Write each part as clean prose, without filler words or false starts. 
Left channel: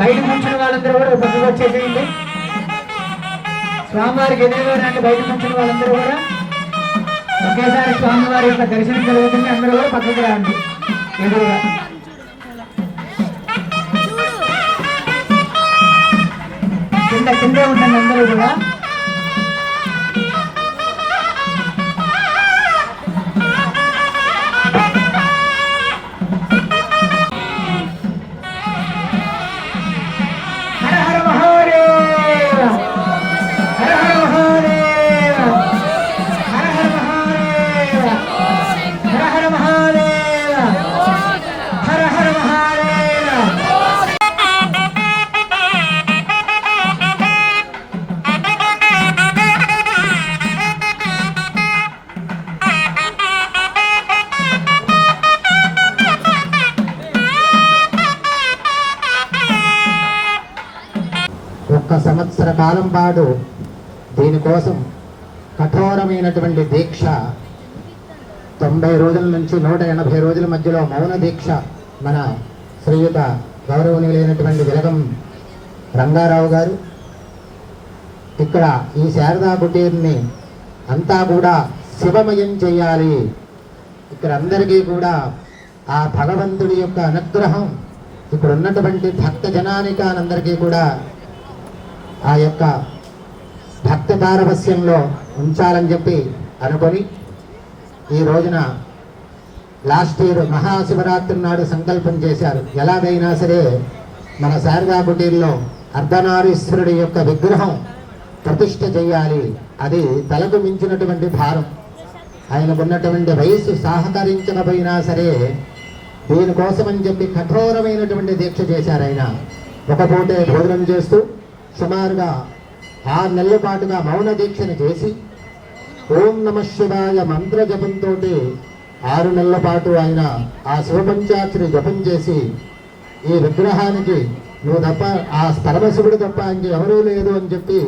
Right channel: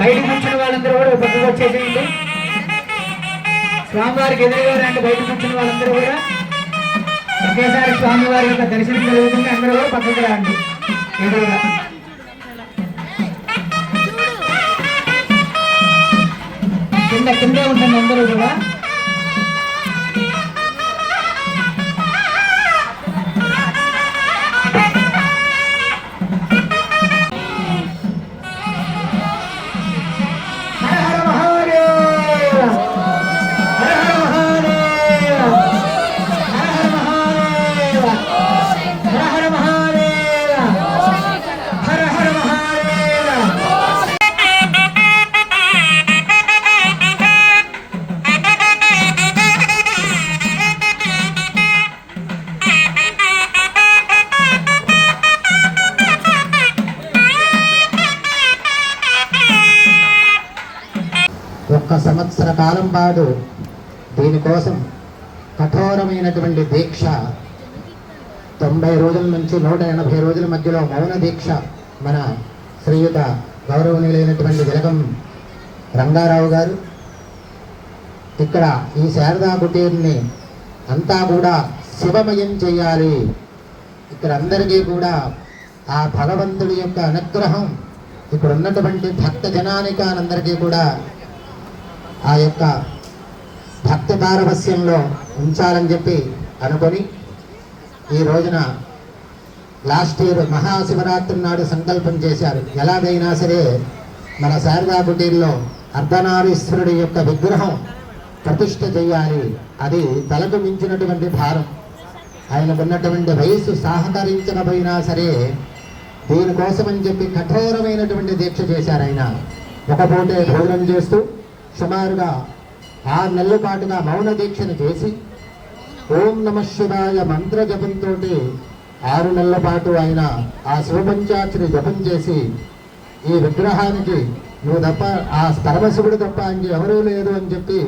బయటకు వచ్చిన వాళ్ళందరూ కూడా పక్కకు వచ్చేసేయండి. స్వామివారికి ఎదురుగా రండి. బయటకు వచ్చిన వాళ్ళందరూ కూడా ఒకేసారి స్వామివారి యొక్క దర్శనం కలుగుతుంది. అందరూ కూడా పక్కకు రండి ఎదురుగా. కింద ఉంటుంది అందరూ కూడా. ఒక్క సంవత్సర కాలం పాటు దీనికోసం కఠోరమైనటువంటి దీక్ష, 90 రోజుల నుంచి 180 రోజుల మధ్యలో మౌన దీక్ష మన శ్రీయుత గౌరవనీయులైనటువంటి విలగం రంగారావు గారు ఇక్కడ ఈ శారదా కుటీర్ని అంతా కూడా శివమయం చేయాలి. ఇక్కడ అందరికీ కూడా ఆ భగవంతుడి యొక్క అనుగ్రహం ఇక్కడ ఉన్నటువంటి భక్త జనానికానందరికీ కూడా ఆ యొక్క భక్త పారవస్యంలో ఉంచాలని చెప్పి అనుకొని ఈ రోజున లాస్ట్ ఇయర్ మహాశివరాత్రి నాడు సంకల్పం చేశారు. ఎలాగైనా సరే మన శారదా కుటీర్లో అర్ధనారీశ్వరుడి యొక్క విగ్రహం ప్రతిష్ఠ చేయాలి. అది తలకు మించినటువంటి భారం. ఆయనకున్నటువంటి వయసు సహకరించకపోయినా సరే దీనికోసమని చెప్పి కఠోరమైనటువంటి దీక్ష చేశారు. ఆయన ఒక పూటే భోజనం చేస్తూ సుమారుగా 6 నెలల పాటుగా మౌన దీక్షను చేసి ఓం నమ శివాయ మంత్ర జపంతో 6 నెలల పాటు ఆయన ఆ శివపంచాక్షరి జపం చేసి ఈ విగ్రహానికి నువ్వు తప్ప, ఆ పరమశివుడు తప్ప అని ఎవరూ లేదు అని చెప్పి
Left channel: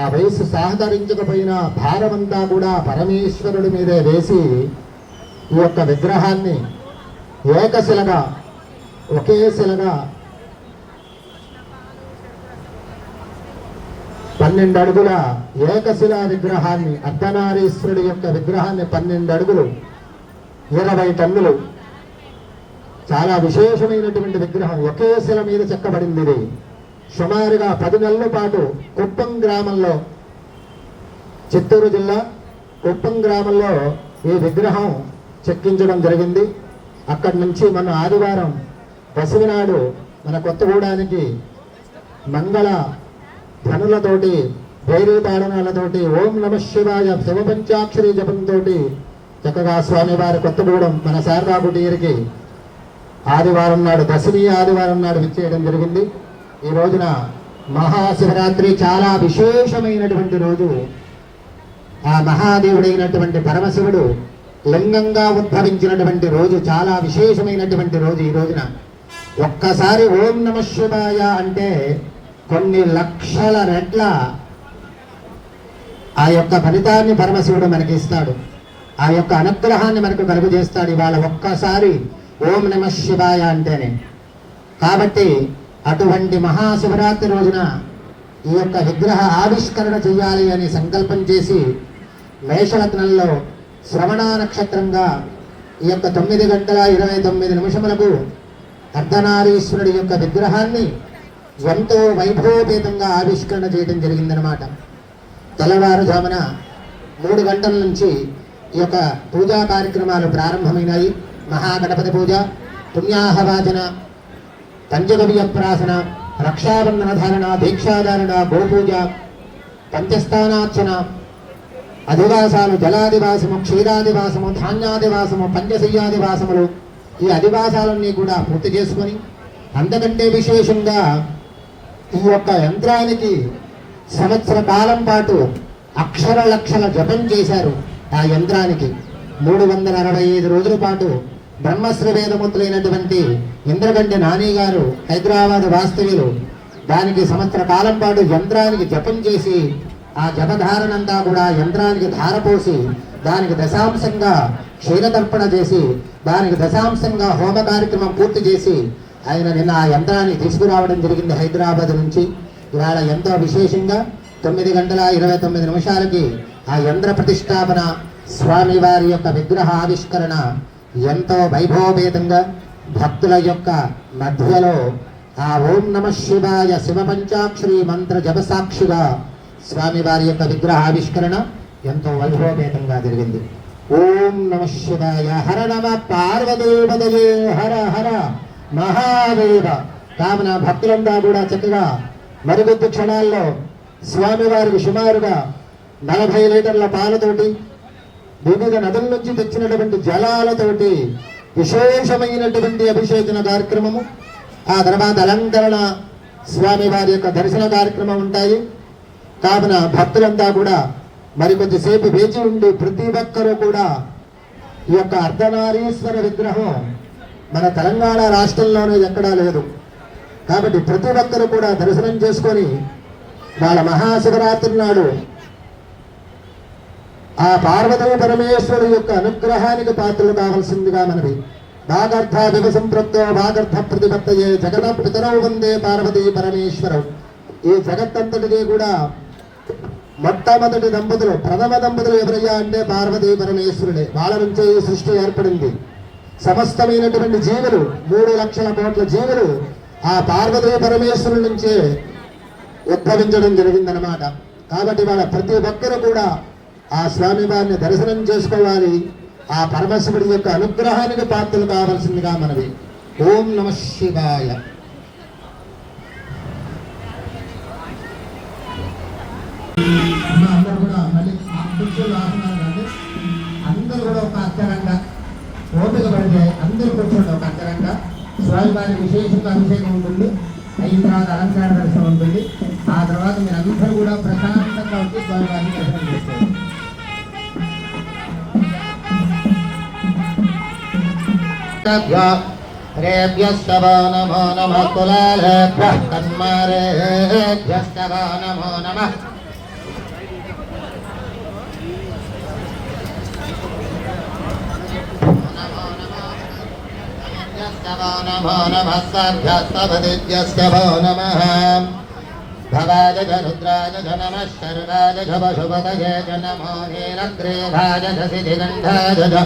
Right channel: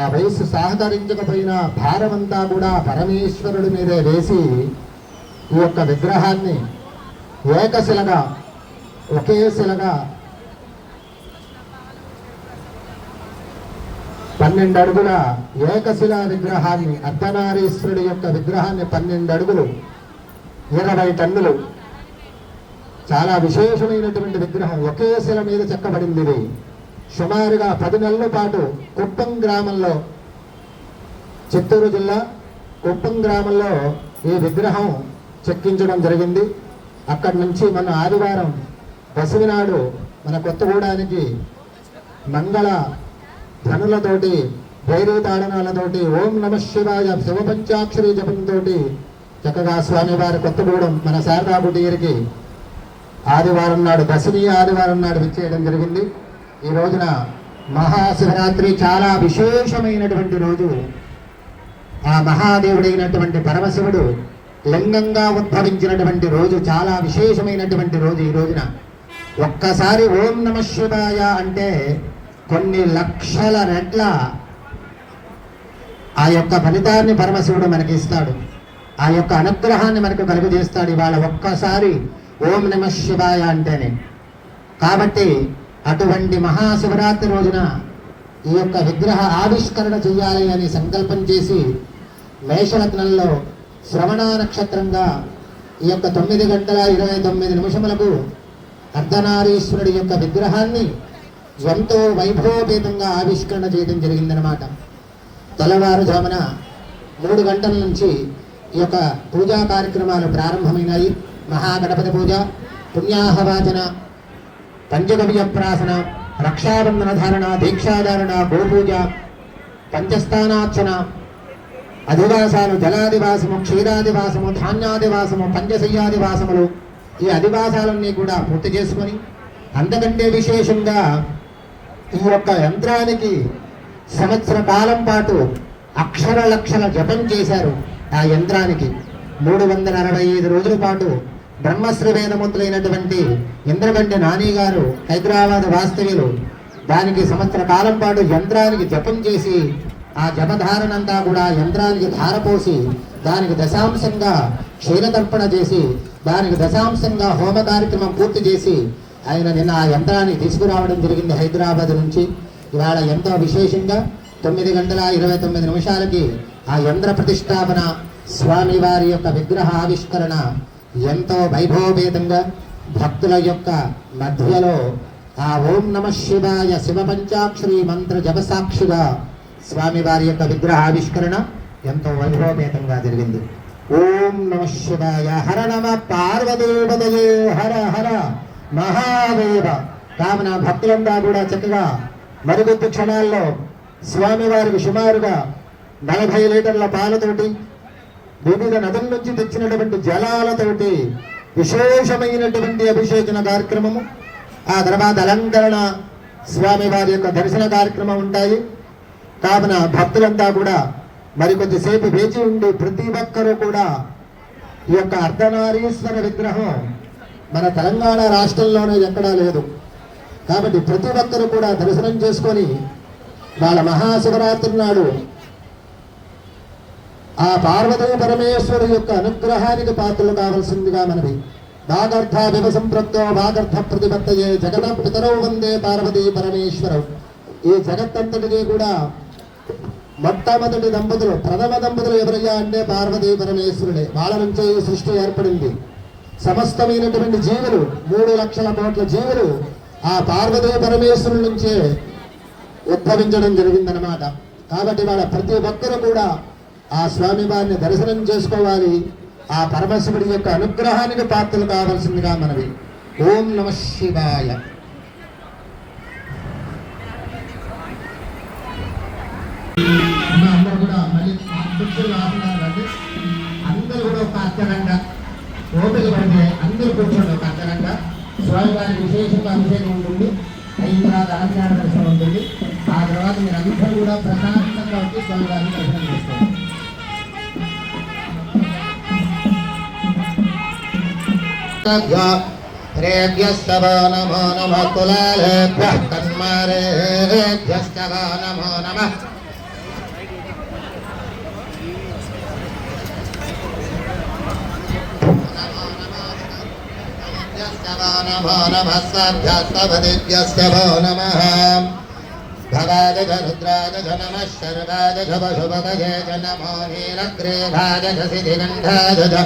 ఆ వయస్సు సహకరించకపోయినా భారమంతా కూడా పరమేశ్వరుడి మీదే వేసి ఈ యొక్క విగ్రహాన్ని ఏకశిలగా ఒకే శిలగా 12 అడుగుల ఏకశిలా విగ్రహాన్ని, అర్ధనారీశ్వరుడి యొక్క విగ్రహాన్ని 12 అడుగులు 20 టన్నులు, చాలా విశేషమైనటువంటి విగ్రహం ఒకే శిల మీద చెక్కబడింది. ఇది సుమారుగా 10 నెలల పాటు కుప్పం గ్రామంలో, చిత్తూరు జిల్లా కుప్పం గ్రామంలో ఈ విగ్రహం చెక్కించడం జరిగింది. అక్కడి నుంచి మన ఆదివారం దశమి నాడు మన కొత్తగూడానికి మంగళ ధనులతోటి, భైరవ తాళనాలతోటి, ఓం నమ శివాయ శివపంచాక్షరి జపంతో చక్కగా స్వామివారి కొత్తగూడెం మన శారదా కుటీర్కి ఆదివారం నాడు, దశమి ఆదివారం నాడు విచ్చేయడం జరిగింది. ఈ రోజున మహాశివరాత్రి చాలా విశేషమైనటువంటి రోజు. ఆ మహాదేవుడైనటువంటి పరమశివుడు లింగంగా ఉద్భవించినటువంటి రోజు, చాలా విశేషమైనటువంటి రోజు. ఈ రోజున ఒక్కసారి ఓం నమ శివాయ అంటే కొన్ని లక్షల రెట్ల ఆ యొక్క ఫలితాన్ని పరమశివుడు మనకి ఇస్తాడు. ఆ యొక్క అనుగ్రహాన్ని మనకు కలుగు చేస్తాడు ఇవాళ ఒక్కసారి ఓం నమ శివాయ అంటేనే. కాబట్టి అటువంటి మహాశివరాత్రి రోజున ఈ యొక్క విగ్రహ ఆవిష్కరణ చేయాలి అని సంకల్పం చేసి మేషలగ్నంలో శ్రవణ నక్షత్రంగా ఈ యొక్క 9 గంటల 29 నిమిషములకు అర్ధనారీశ్వరుడి యొక్క విగ్రహాన్ని ఎంతో వైభవపేతంగా ఆవిష్కరణ చేయడం జరిగిందనమాట. తెల్లవారుజామున 3 గంటల నుంచి ఈ యొక్క పూజా కార్యక్రమాలు ప్రారంభమైనాయి. మహాగణపతి పూజ, పుణ్యాహవాచన, పంచగవ్యప్రాసన, రక్షాబంధన ధారణ, దీక్షాధారణ, గోపూజ, పంచస్థానార్చన, అధివాసాలు, జలాదివాసము, క్షీరాదివాసము, ధాన్యాదివాసము, పంచశయ్యాదివాసములు, ఈ అధివాసాలన్నీ కూడా పూర్తి చేసుకొని అంతకంటే విశేషంగా ఈ యొక్క యంత్రానికి సంవత్సర కాలం పాటు అక్షర లక్షల జపం చేశారు. ఆ యంత్రానికి 365 రోజుల పాటు బ్రహ్మశ్రీ వేదముద్రైనటువంటి ఇంద్రగంటి నాని గారు, హైదరాబాద్ వాస్తవ్యులు, దానికి సంవత్సర కాలం పాటు యంత్రానికి జపం చేసి ఆ జపధారణంతా కూడా యంత్రానికి ధారపోసి దానికి దశాంశంగా క్షీరతర్పణ చేసి దానికి దశాంశంగా హోమ కార్యక్రమం పూర్తి చేసి ఆయన నిన్న ఆ యంత్రాన్ని తీసుకురావడం జరిగింది హైదరాబాద్ నుంచి. ఇవాళ ఎంతో విశేషంగా 9:29 ఆ యంత్ర ప్రతిష్టాపన, స్వామివారి యొక్క విగ్రహ ఆవిష్కరణ ఎంతో వైభవపేతంగా భక్తుల యొక్క మధ్యలో ఆ ఓం నమ శివాయ శివ పంచాక్షరి మంత్ర జపసాక్షిగా స్వామివారి యొక్క విగ్రహ ఆవిష్కరణ ఎంతో వైభవపేతంగా జరిగింది. ఓం నమ శివాయ హర నమ పార్వదేవదయే హర హర మహాదేవ. కావున భక్తులంతా కూడా చక్కగా మరుగుద్దు క్షణాల్లో స్వామివారికి సుమారుగా 40 లీటర్ల పాలతోటి వివిధ నదుల నుంచి తెచ్చినటువంటి జలాలతోటి విశేషమైనటువంటి అభిషేచన కార్యక్రమము, ఆ తర్వాత అలంకరణ, స్వామివారి యొక్క దర్శన కార్యక్రమం ఉంటాయి. కావున భక్తులంతా కూడా మరికొద్దిసేపు వేచి ఉండి ప్రతి ఒక్కరూ కూడా ఈ యొక్క అర్ధనారీశ్వర విగ్రహం మన తెలంగాణ రాష్ట్రంలోనే ఎక్కడా లేదు. కాబట్టి ప్రతి ఒక్కరు కూడా దర్శనం చేసుకొని వాళ్ళ మహాశివరాత్రి నాడు ఆ పార్వతీ పరమేశ్వరు యొక్క అనుగ్రహానికి పాత్రలు కావాల్సిందిగా మనవి. వాగర్థ విభసంప్రత్యో వాగర్థ ప్రతిపత్తయే జగత పితరౌ వందే పార్వతీ పరమేశ్వరం. ఈ జగత్తంతటికి కూడా మొట్టమొదటి దంపతులు, ప్రథమ దంపతులు ఎవరయ్యా అంటే పార్వతీ పరమేశ్వరుడే. వాళ్ళ నుంచే ఈ సృష్టి ఏర్పడింది. సమస్తమైనటువంటి జీవులు 3 లక్షల కోట్ల జీవులు ఆ పార్వతీ పరమేశ్వరుల నుంచే ఉద్భవించడం జరిగిందనమాట. కాబట్టి వాళ్ళ ప్రతి ఒక్కరు కూడా ఆ స్వామివారిని దర్శనం చేసుకోవాలి. ఆ పరమశివుడి యొక్క అనుగ్రహానికి పాత్రలు కావాల్సిందిగా మనవి. ఓం నమ శివాయ. అందరూ కూడా మళ్ళీ అందరూ కూడా ఒక అర్థరంగా ఓపిక పడితే అందరూ కూర్చోండి. ఒక అర్థరంగా స్వామివారి విశేషంగా అభిషేకం ఉంటుంది, అయిన తర్వాత అలంకార దర్శనం ఉంటుంది. ఆ తర్వాత మీరు అందరూ కూడా ప్రశాంతంగా వచ్చి స్వామివారిని దర్శనం చేసుకోండి. రేభ్యస్తవ నమో నమః కులాలేభ్యః కన్మారేభ్యస్తవ నమో నమః. నమో నమః సాభ్యస్తవదిభ్యస్తవో నమః. భవాయ జ రుద్రాయ జ నమః శర్వాయ జ పశుపతయే జ నమో నీలగ్రీవాయ జ సిద్ధిగంధాయ జ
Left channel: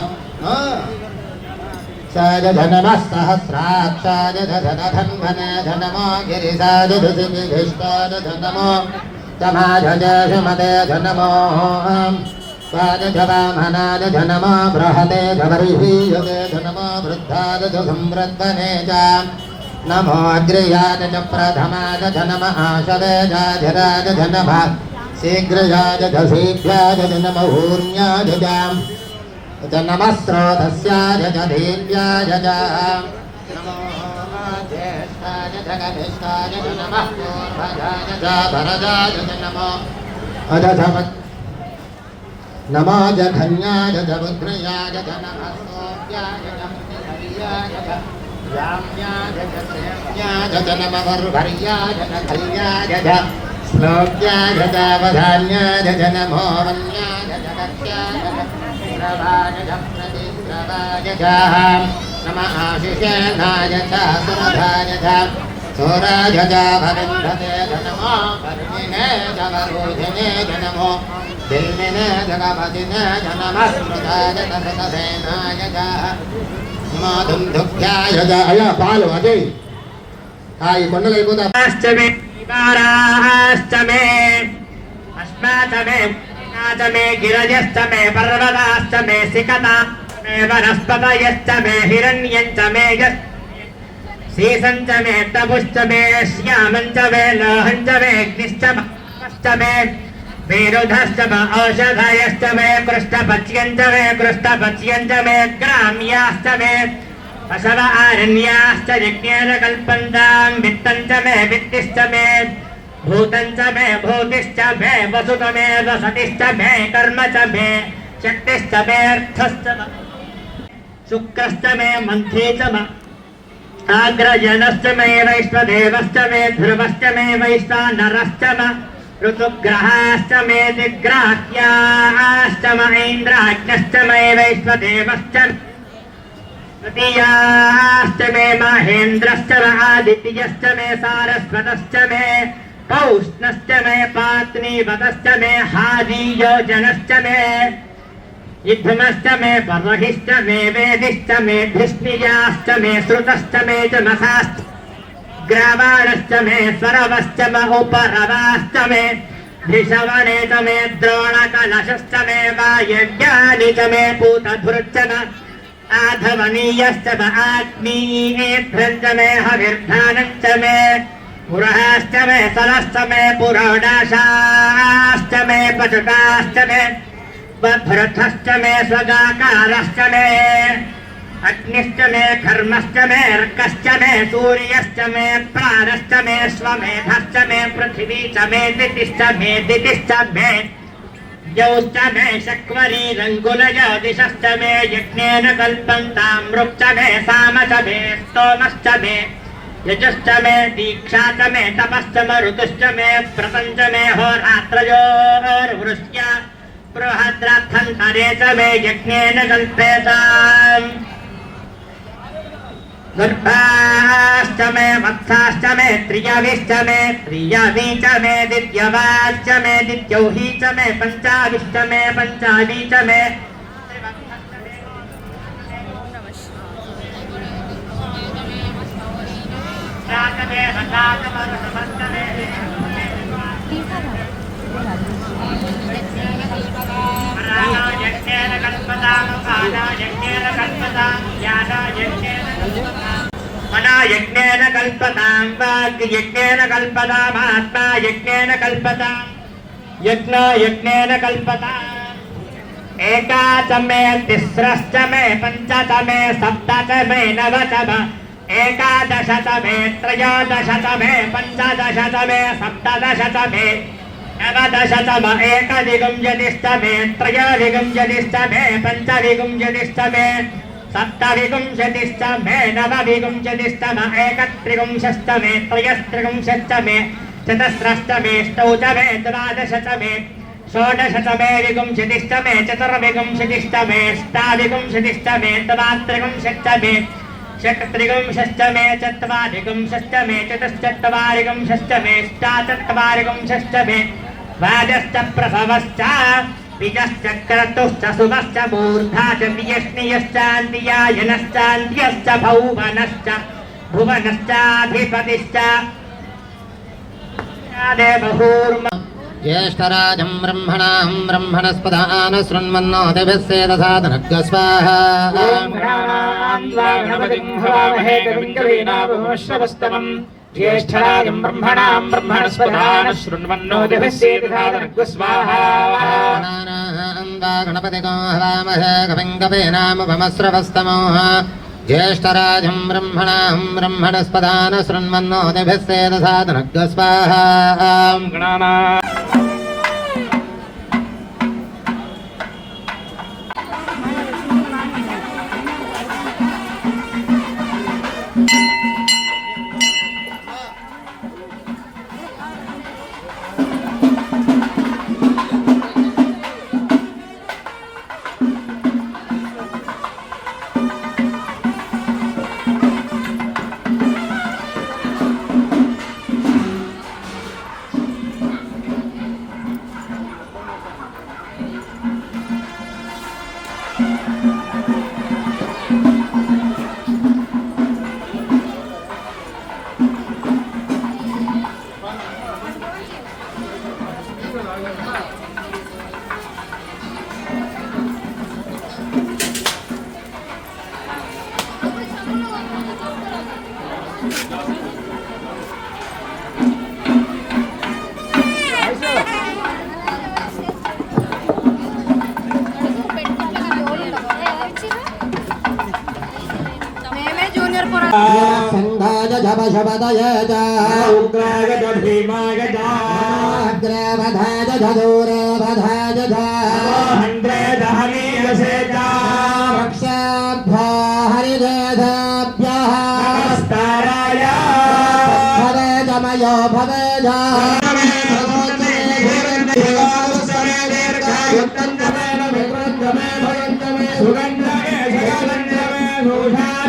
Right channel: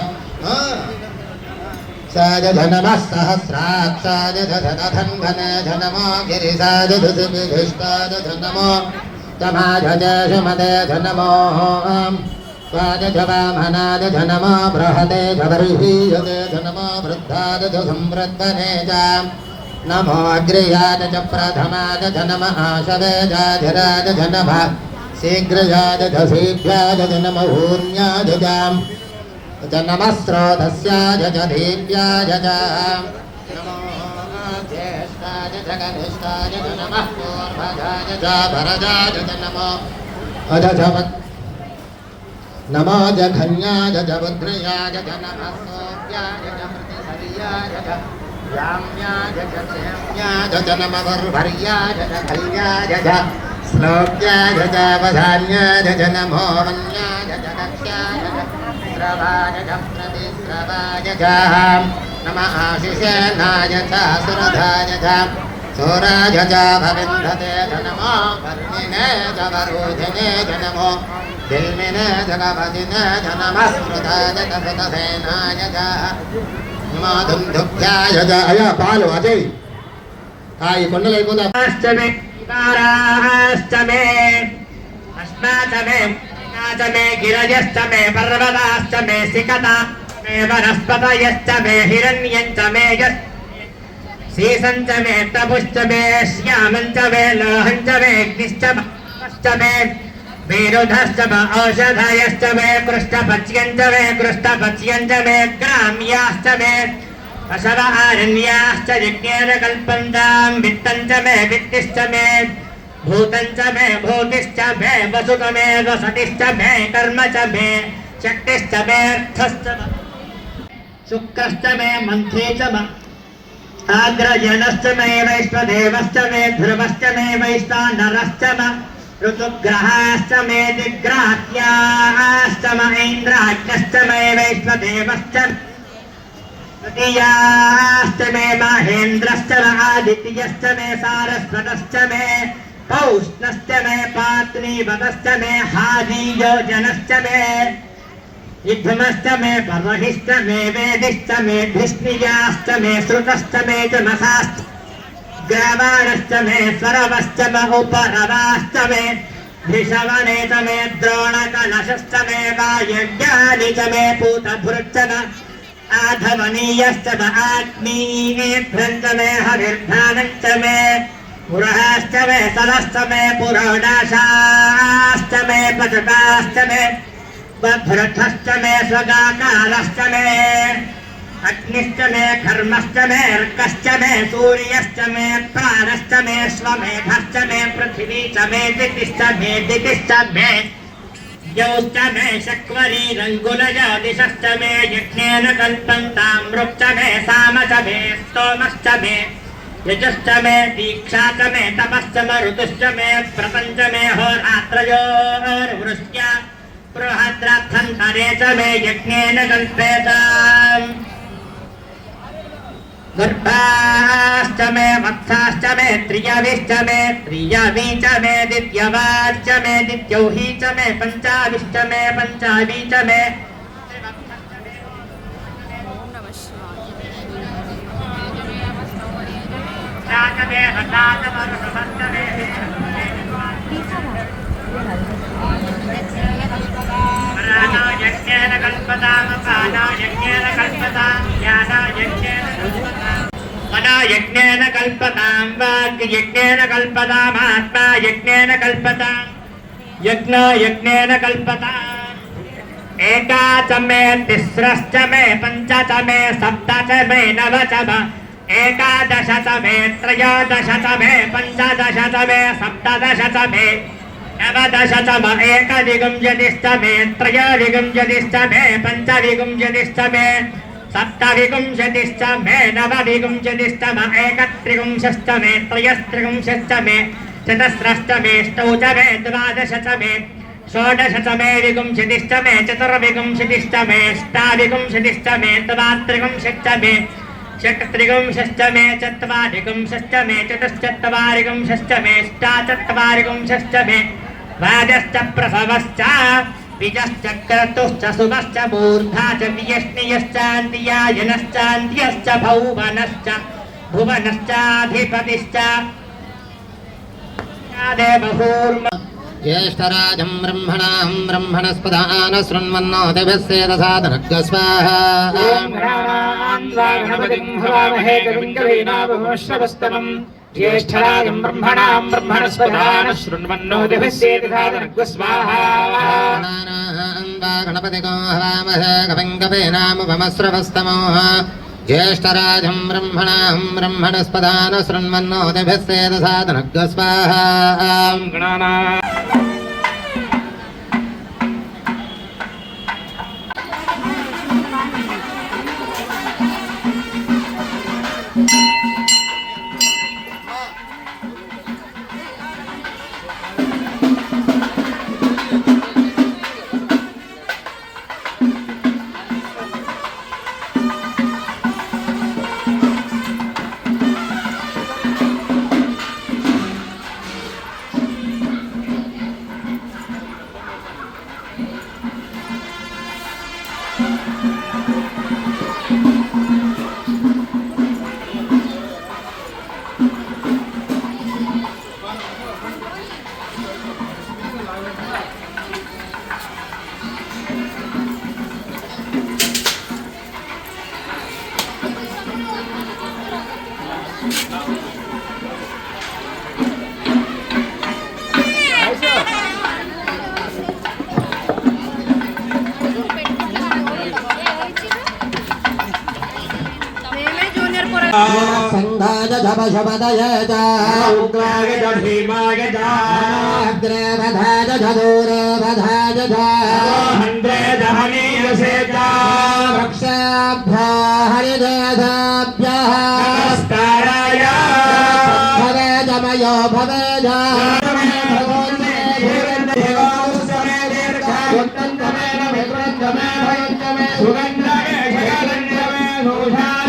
సాయ జ నమః సహస్రాక్షాయ జ ధనధన్వనే జ నమో గిరిసాయ జ దివిష్టాయ జ నమో తమాయ జ శుమతే జ నమో సాయ జ వామనాయ జ నమో బృహతే జ బర్హీయతే జ నమో వృద్ధాయ జ సంవృద్ధనే జ నమో అగ్రయాయ చ ప్రథమాయ చ నమః ఆశవేజాధిరాయ చ నమః శీఘ్రయాయ చ శీఘ్రాయ చ నమః ఊర్ణ్యాయ చ నమః స్రోతస్యాయ చ దీప్యాయ చ నమో జ్యేష్ఠాయ చ కనిష్ఠాయ చ నమః పూర్వజాయ చ భరజాయ చ నమో నమో జఘన్యాయ చ ఉగ్రయాయ చ నమః సోగ్యాయ చ ప్రతిహర్యాయ చ యామ్యాయ చ సేమ్యాయ చ నమః వర్వర్యాయ చ కల్యాయ చ శ్లోక్యాయ చ వధాన్యాయ చ నమో వన్యాయ చ దక్ష్యాయ చ ప్రవాయ చ ప్రతిప్రవాయ చ నమః ఆశిషేనాయ చ సురధాయ చ చోరాయ చ భవిందతే చ నమో వర్ణినే చ వరోధినే చ నమో దిల్మినే చ గపతినే చ నమః స్మృతాయ చ సుతసేనాయ చ మాధుంధుభ్యాయ చ. అయ్యా పాలు అజయ్ ఈ కొండలు అయిపోతా. అష్టమే వికారాష్టమే అష్టాచమే మే గిరజష్టమే పర్వతాష్టమే సికతాష్టమే వనస్పతయష్టమే హిరణ్యంచమే శీసంచమే తపుష్టమే శ్యామంచమే లోహంచమే అగ్నిష్టమే వీరుధష్టమ ఔషధయష్టమే పృష్ఠపచ్యంచమే పృష్ఠపచ్యంచమే గ్రామ్యాష్టమే అసవ ఆరణ్యాశ్చ యజ్ఞేన కల్పంతాం విత్తంచమే విత్తిష్టమే భూతంచమే భూతిష్టమే వసుతమే వసతిష్టమే కర్మచమే శక్తిష్టమే అర్థష్టమే శుక్రష్టమే మంథేచమ ఆగ్రజనష్టమే వైశ్వదేవష్టమే ధ్రువష్టమే వైశ్వానరష్టమ ఋతుగ్రహాష్టమే దిగ్రాహ్యాష్టమ ఇంద్రాగ్నష్టమే వైశ్వదేవశ్చ तृतीयाश्च मे महेन्द्रश्च आदित्यश्च मे सारस्वतश्च मे पौष्णश्च मे पात्नीवतश्च मे हादीयोजनश्च मे युद्धमश्च मे पर्वहिश्च मे वेदिश्च मे धिष्णियाश्च मे श्रुतश्च मे जमसाश्च ग्रावाणश्च मे स्वरवश्च म उपरवाश्च मे धिषवणे च मे द्रोणकलशश्च मे वायव्यानि च मे पूतभृच्च न आधवनीयश्च म आग्नेयेभ्यञ्च मे हविर्धानश्च मे पुरश्च मे सरश्च मे पुरोडाशाश्च मे पचुटाश्च मे भरथश्च मे स्वगाकारश्च मे अग्निश्च मे कर्मश्च मे अर्कश्च मे सूर्यश्च मे प्राणश्च मे स्वमेधश्च मे पृथिवी च मे दितिश्च मे यौश्च मे शक्वरीरङ्गुलयादिशश्च मे यज्ञेन कल्पन्तामृक्च मे साम च मे स्तोमश्च मे यजुश्च मे दीक्षा च मे तपश्च मे ऋतुश्च मे व्रतञ्च मे होरात्रयोर्वृष्ट्य बृहद्रथन्तरे च मे यज्ञेन कल्पेताम् गर्भाश्च मे वत्साश्च मे त्रियविश्च मे त्रियवी च मे दित्यवाश्च मे दित्यौही च मे पञ्चाविश्च मे पञ्चावी च मे यज्ञेन कल्पतां वाग्यज्ञेन कल्पतामात्मा यज्ञेन कल्पतां यज्ञो यज्ञेन कल्पताम् एका च मे तिस्रश्च मे पञ्च च मे सप्त च मे नव च मे एकादश च मे त्रयोदश च मे पञ्चदश च मे सप्तदश च मे नवदश च मे एकविंशतिश्च मे त्रयोविंशतिश्च मे पञ्चविंशतिश्च मे सप्तविंशतिश्च मे नवविंशतिश्च मे एकत्रिंशश्च मे त्रयस्त्रिंशश्च मे चतस्रश्च मे अष्टौ च मे द्वादश च मे षोडश च मे विंशतिश्च मे चतुर्विंशतिश्च मे अष्टाविंशतिश्च मे द्वात्रिंशश्च मे षट्त्रिंशश्च मे चत्वारिंशश्च मे चतुश्चत्वारिंशश्च मे अष्टाचत्वारिंशश्च मे द्वादश्च प्रसवश्च बीजश्च क्रतुश्च सुभश्च मूर्धा च वियष्णियश्चान्त्यायनश्चान्त्यश्च भुवनश्च भुवनश्चाधिपतिश्च देवहूर्म ज्येष्ठराजं ब्रह्मणां ब्रह्मणस्पदान शृण्वन्नो देवस्येदसादनग् स्वाहा ओम गणपतिं हवामहे कविं कवीनामुपमश्रवस्तमम् ज्येष्ठराजं ब्रह्मणां ब्रह्मणस्पदान शृण्वन्नो देवस्येदसादनग् स्वाहा गणपतिं हवामहे कविं कवीनामुपमश्रवस्तमो ज्येष्ठराजं ब्रह्मणां ब्रह्मणस्पदान शृण्वन्नो देवस्येदसादनग् स्वाहा संघाय धपशपदय च उग्राय च भीमाय च अग्रेवधाय धूरेवधाय च हन्द्रे दहनीयसे च रक्षाभ्यो हरिदेधाभ्यः नमस्काराय भवेदमयो भवेद सुगन्धमे भूषा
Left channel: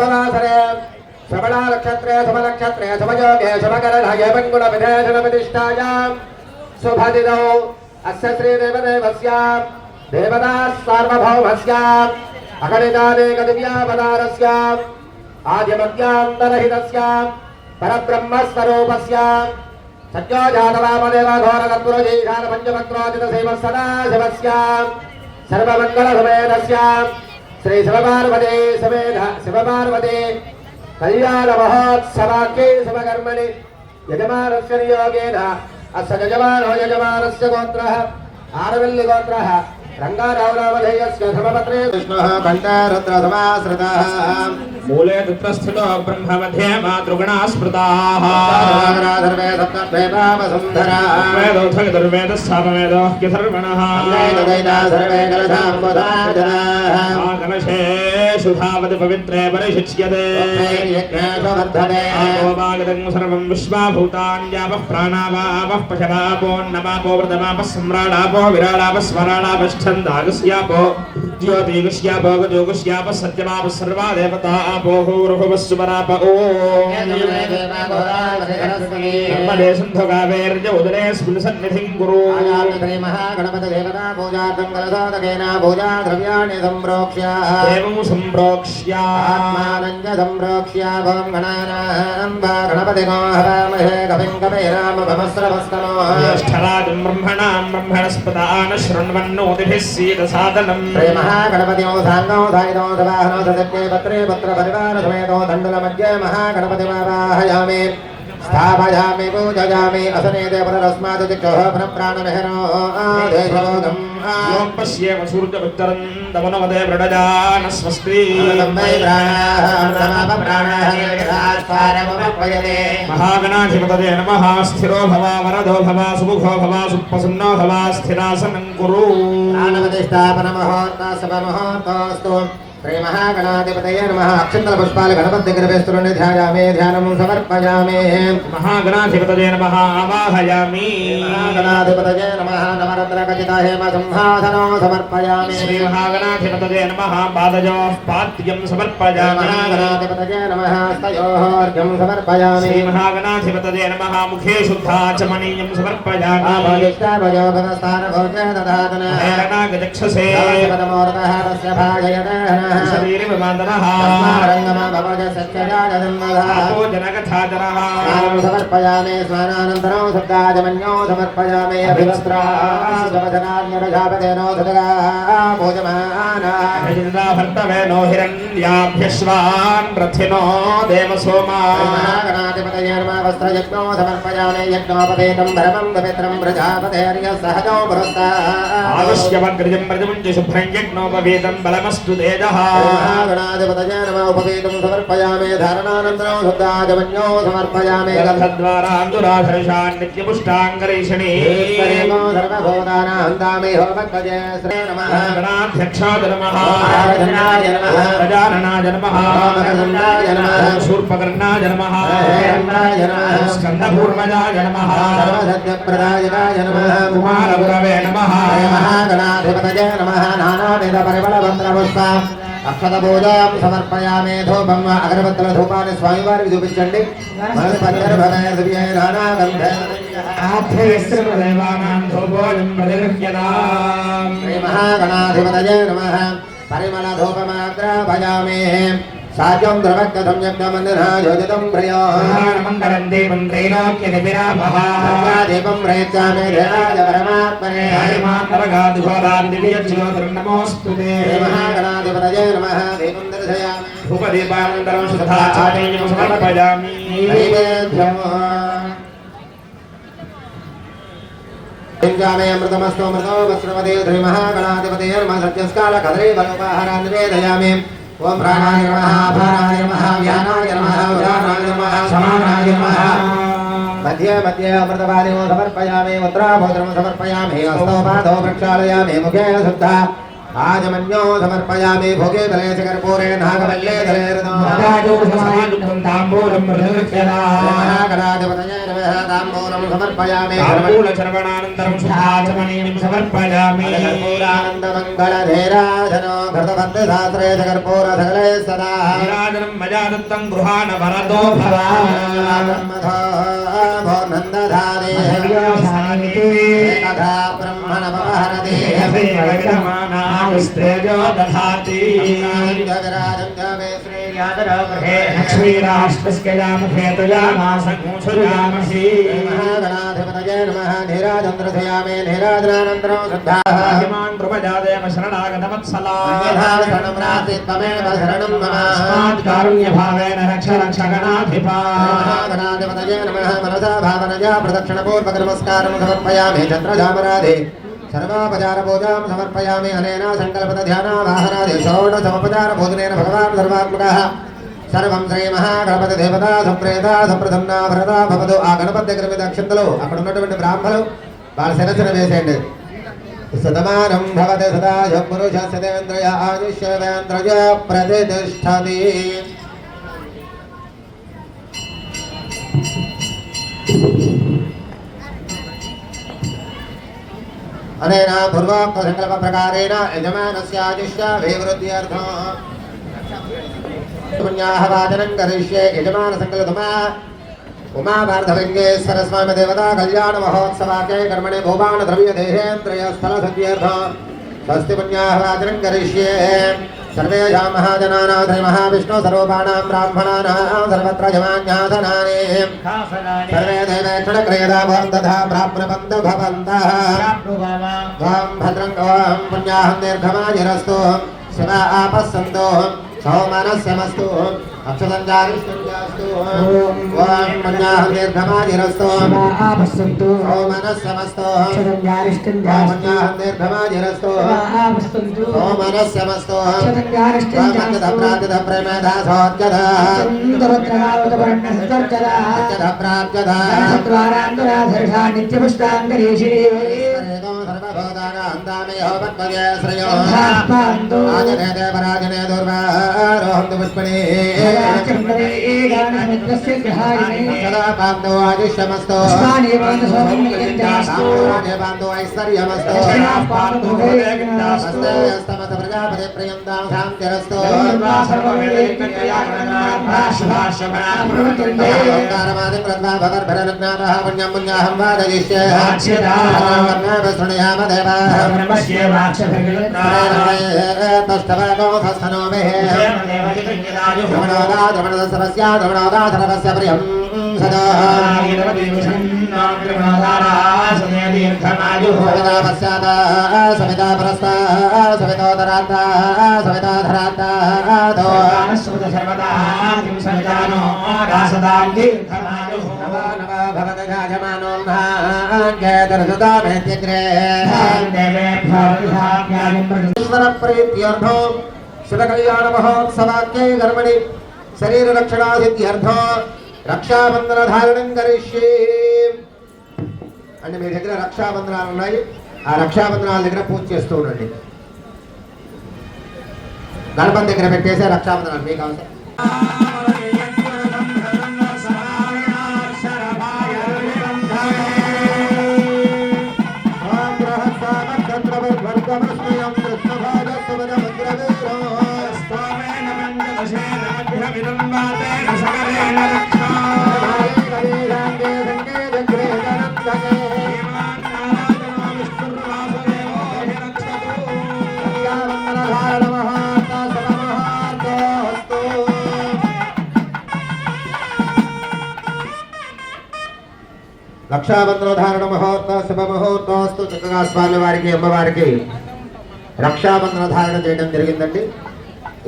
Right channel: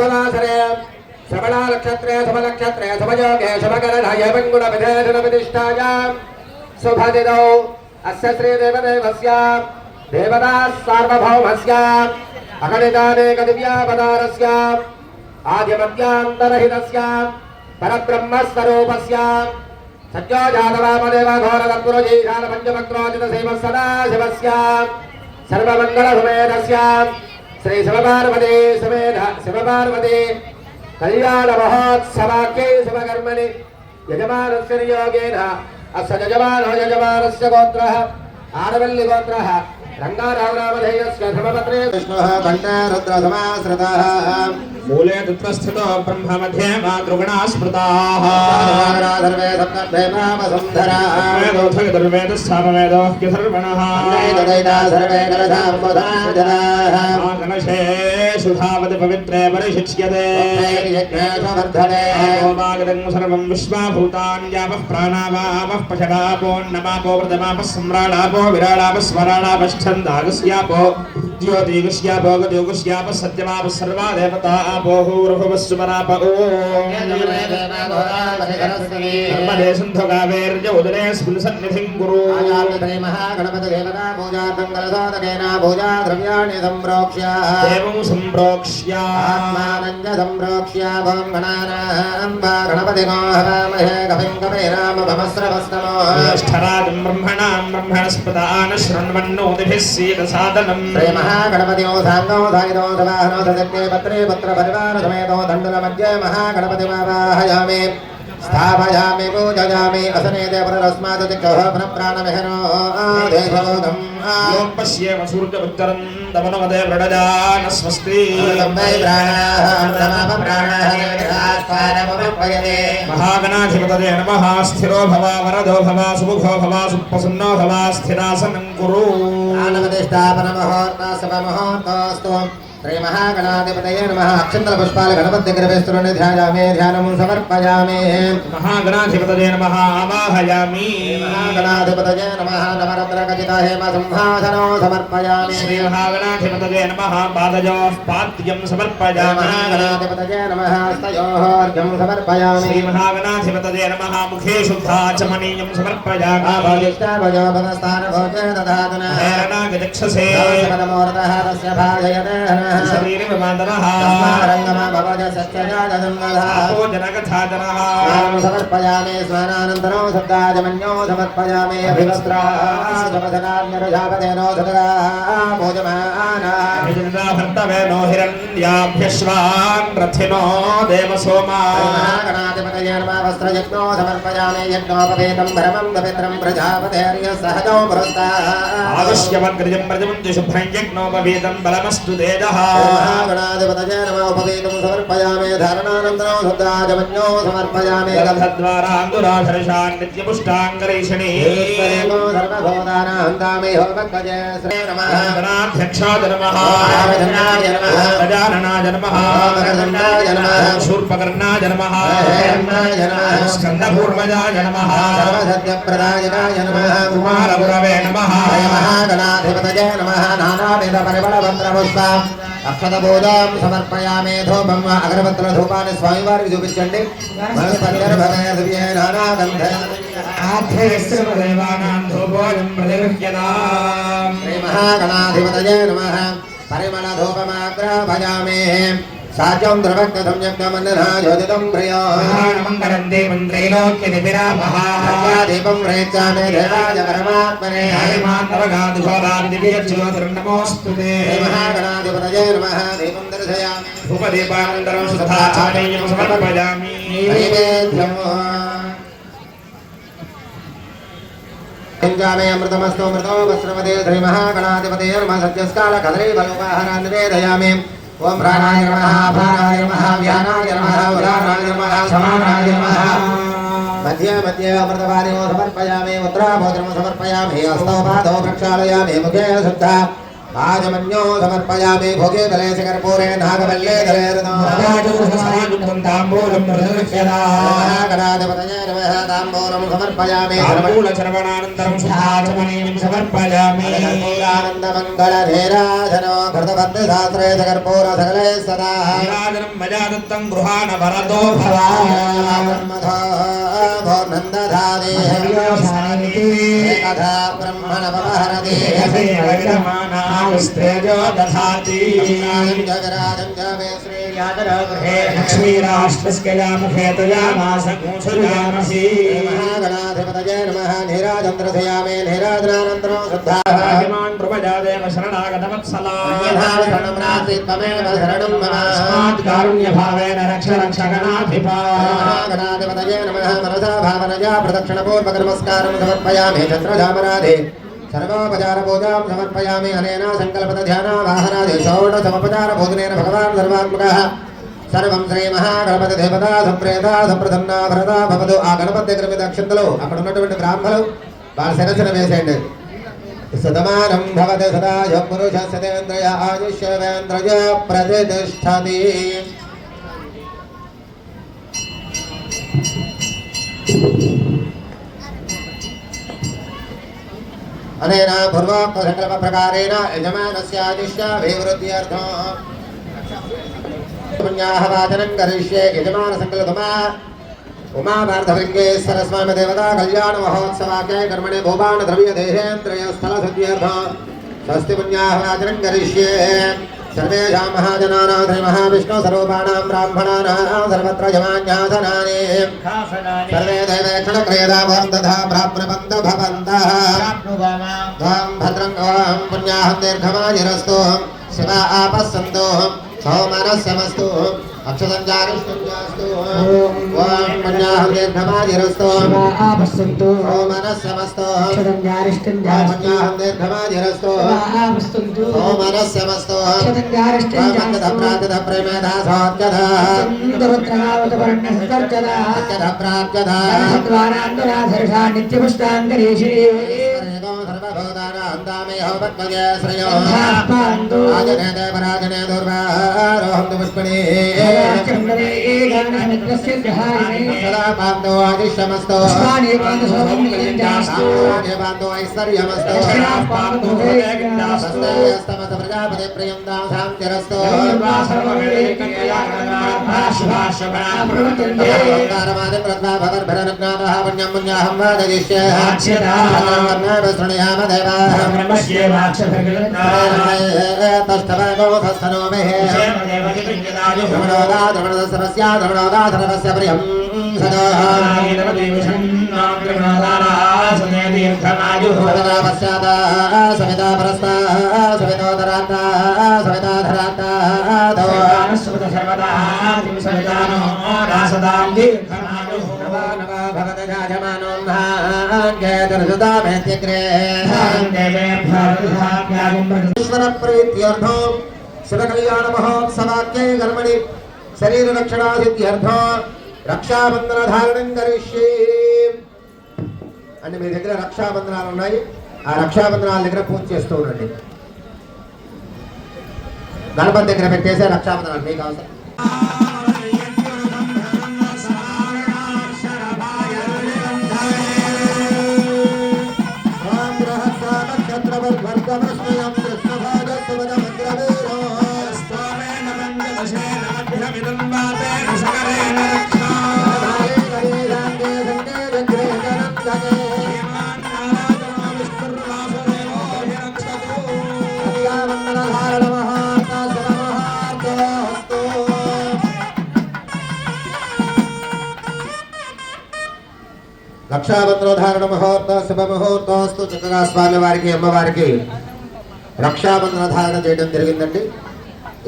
समनासरे समना नक्षत्रे समनक्षत्रे समयोगे समकरणाय मंगलविधेशनप्रतिष्ठायां शुभदिनौ अस्य श्रीदेवदेवस्य देवदाः सार्वभौमस्य अगणितानेकदिव्यावतारस्य आद्यमध्यान्तरहितस्य परब्रह्मस्वरूपस्य सत्योजातवामदेवघोरकर्पूरजीरानपञ्चमक्रोजितसेवः सदाशिवस्य सर्वमङ्गलसमेतस्य श्री शिवपार्वती समेत शिवपार्वती कल्याणमहोत्सवाख्ये शिवकर्मणि यजमानस्य नियोगेन अस्य यजमानस्य गोत्रः आरवल्ली गोत्रः रङ्गारावनामधेयस्य धर्मपत्रे विष्णुः कण्ठे रुद्रसमाश्रितः मूले तत्रस्थितो ब्रह्म मध्ये मातृगुणाः स्मृताः सर्वे सप्तदेवावसुन्धराः वेदोऽथर्वेदस्थानवेदोऽह्यथर्वणः सर्वे कलशाम्बुधाः कलशे सुधावति पवित्रे परिशिच्यते गोपागतं सर्वं विश्वाभूतान्यापः प्राणावापः पशवापोन्नमापो व्रतमापः सम्राडापो विराडापः स्मराडापश्छन्दागस्यापो ज्योतिगस्यापो गजोगस्यापः सत्यमापः सर्वा देवता आपो भूर्भुवः सुमराप ॐ स्फुलसन्निधिं कुरु महागणपतिदेवता पूजार्थं कलशोदकेन पूजा द्रव्याणि सम्प्रोक्ष्य देवं सम्प्रोक्ष्य आत्मानञ्च सम्प्रोक्ष्य भवं गणानाम्बा गणपतिनो हरामहे कविं कवेरामभमस्रवस्तमो ज्येष्ठराजं ब्रह्मणां ब्रह्मणस्पदान शृण्वन्नोतिभिः सीदसादनम् महागणपतिनो सान्नो धायिनो सवाहनो सजज्ञे पत्रे पत्रपरिवारसमेतो दण्डलमध्ये महागणपतिमावाहयामि स्थापयामि पूजयामि असने देवरस्मात् दिक्कः प्राणमेहनो आदेशबोधम् योपश्येव सूर्यपुत्रं दमनवदे व्रणजान स्वस्ति महागणाधिपतये नमः स्थिरो भव वरदो भव सुमुखो भव सुप्रसन्नो भव स्थिरासनं कुरु प्राणपतिष्ठापनमहोत्तासवमहोत्तोऽस्तु श्री महागणाधिपतये नमः अक्षन्तपुष्पाल गणपतिग्रवेस्तुरनि ध्यायामि ध्यानं समर्पयामि महागणाधिपतये नमः आवाहयामि महागणाधिपतये नमः नवरत्नखचिता हेम सिंहासनं समर्पयामि श्री महागणाधिपतये नमः पादयोः पाद्यं समर्पयामि महागणाधिपतये नमः हस्तयोः अर्घ्यं समर्पयामि श्री महागणाधिपतये नमः मुखे शुद्धाचमनीयं समर्पयामि भोजोपनस्थानभोजे ददातन हेरणागजक्षसे पदमूर्तः तस्य भाजयते शरीरविवादनः जनकथाजनः समर्पयामि स्नानानन्तरं शब्दाजमन्यो समर्पयामि अभिवस्त्राजमधनात्मपजापतेनो भोजमाना भर्तवेनो हिरण्याभ्यश्वान् रथिनो देवसोमा गणाधिपतये नमः वस्त्रयज्ञो समर्पयामि यज्ञोपवेतं धर्मं पवित्रं प्रजापतेर्यः सहजो पुरस्ताः आयुष्यवग्रजं व्रजं च शुभ्रं यज्ञोपवेतं बलमस्तु तेजः गणाधिपतये नमः उपवेतं समर्पयामि धारणानन्तरं शुद्धाजमन्यो समर्पयामि गलभद्वाराङ्गुराधर्षान् नित्यपुष्टाङ्गरीषणी सर्वभोगानाहन्तामि होमपदे श्री नमः गणाध्यक्षाय नमः गणाय नमः गजाननाय नमः गणाय नमः शूर्पकर्णाय नमः गणाय नमः स्कन्दपूर्वजाय नमः सर्वसत्यप्रदायकाय नमः कुमारगुरवे नमः गणाधिपतये नमः नानाविधपरिमलमन्त्रपुष्पा अक्षतबोधां समर्पयामि धूपं अगरबत्तलधूपाన్ని స్వామివారికి చూపించండి శ్రీ మహాగణాధిపతయే నమః పరిమళధూపమాగ్రాపయామి సాధ్యం ద్రవక్తం యజ్ఞమందిరాయోజితం మంగళం దేవం త్రైలోక్యనిపిరాపః దీపం ప్రయచ్చామి దేవాయ పరమాత్మనే నమోస్తుతే మహాగణాధిపతయే నమః దీపం దర్శయామి భూపదీపానంతరం శుద్ధాచార్యం సమర్పయామి నైవేద్యం अमृतमस्तु मृतो वस्त्रपते श्री महागणाधिपतये नमः सत्यस्काल कदरे बलवाहनान् निवेदयामि ओम प्राणाय नमः प्राणाय नमः व्यानाय नमः उदानाय नमः समानाय नमः मध्ये मध्ये अमृतवादिनो समर्पयामि मुद्राभोजनं समर्पयामि हस्तोपादौ प्रक्षालयामि मुखे शुद्धा आजमन्यो समर्पयामि भोगे तले कर्पूरे नागवल्ले तले गणाधिपतये नमः ताम्बूलं समर्पयामि सर्वणानन्तरं शुद्धाचमनीं समर्पयामि आनन्दमङ्गलधीराधनो भरतभद्रे शास्त्रे जगर्पूर सकले सदा राजनं मजादत्तं गृहाण भरतो भवा ब्रह्मधो नन्दधादे एकधा ब्रह्मणवहरदे स्त्रेजो दधाति जगराजं जवे श्रीयादरगृहे लक्ष्मीराष्ट्रस्य यामखे तयामासंसुजामसि गणाधिपतये नमः निराजन्द्रधयामे निराजनानन्तरं श्रद्धाहिमान् द्रुपजादेव शरणागतवत्सला शरणं शरणं मम कारुण्यभावेन रक्ष रक्षगणाधिपा गणाधिपतये नमः मनसा भावनया प्रदक्षिणपूर्वकनमस्कारं समर्पयामि चन्द्रधामराधे सर्वापचारपूजां समर्पयामि अनेन सङ्कल्पध्यानावाहनादि षोडशोपचारभोजनेन भगवान् सर्वात्मकः सर्वं श्रीमहागणपतिदेवता सुप्रेता सुप्रसन्ना भरता भवतु ఆ గణపతి దగ్గర మీద అక్షంతలు అక్కడ ఉన్నటువంటి బ్రాహ్మణులు వాళ్ళ శిరస్సున వేసేయండి సదమానం భవతి సదాయ పురుష సదేంద్రయ ఆయుష్యేంద్రయ ప్రతిష్టతి अनेन पूर्वोक्तसङ्कल्पप्रकारेण यजमानस्य आदिश्य विवृद्ध्यर्थं पुण्याः वाचनं करिष्ये यजमानसङ्कल्पमा उमापार्थलिङ्गेश्वरस्वामी देवता कल्याणमहोत्सवाख्ये कर्मणि भूपानद्रव्यदेहेन्द्रयस्थलशुद्ध्यर्थं स्वस्ति पुण्याः वाचनं करिष्ये सर्वेषां महाजनानां श्रीमहाविष्णुस्वरूपाणां ब्राह्मणानां सर्वत्र यमान्यासनानि सर्वे देवेक्षणक्रीडो भवन्तः प्राप्नुवन्तु भवन्तः त्वं भद्रं त्वं पुण्याहं दीर्घमायुरस्तु शिव आपस्सन्तु सौमनस्यमस्तु अक्षसञ्चारिष्टुस्तु त्वं पुण्याहं दीर्घमायुरस्तु आपस्सन्तु सौमनस्यमस्तु क्षरञ्जारिष्टञ्जास्तु पुण्याहं दीर्घमायुरस्तु आपस्सन्तु सौमनस्यमस्तु शरीर रक्षणा सिद्ध्यर्थं रक्षाबंधन धारणं करिष्ये అంటే మీ దగ్గర రక్షాబంధనాలు ఉన్నాయి ఆ రక్షాబంధనాల దగ్గర పూజ చేస్తూ ఉండండి గణపతి దగ్గర పెట్టేసే రక్షాబంధనాలు మీకు అవసరం రక్షాబంధన ధారణ ముహూర్త శుభ ముహూర్తస్తు చక్కగా స్వామి వారికి అమ్మవారికి రక్షాబంధన ధారణ చేయడం జరిగిందండి.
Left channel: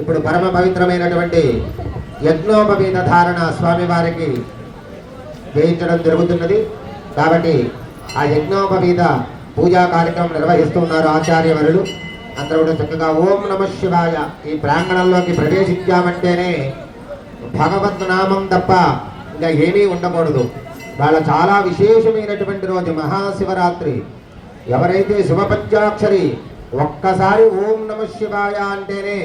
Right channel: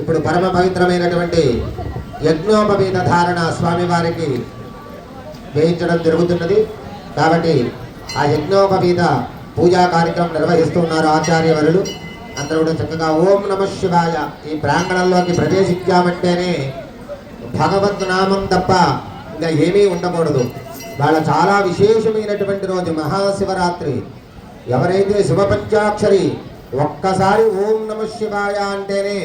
ఇప్పుడు పరమ పవిత్రమైనటువంటి యజ్ఞోపవీత ధారణ స్వామి వారికి వేయించడం జరుగుతున్నది. కాబట్టి ఆ యజ్ఞోపవీత పూజా కార్యక్రమం నిర్వహిస్తున్నారు ఆచార్యవరులు. అందరూ కూడా చక్కగా ఓం నమ శివాయ ఈ ప్రాంగణంలోకి ప్రవేశించామంటేనే భగవద్ నామం తప్ప ఇంకా ఏమీ ఉండకూడదు. వాళ్ళ చాలా విశేషమైనటువంటి రోజు మహాశివరాత్రి. ఎవరైతే శివపంచాక్షరి ఒక్కసారి ఓం నమ శివాయ అంటేనే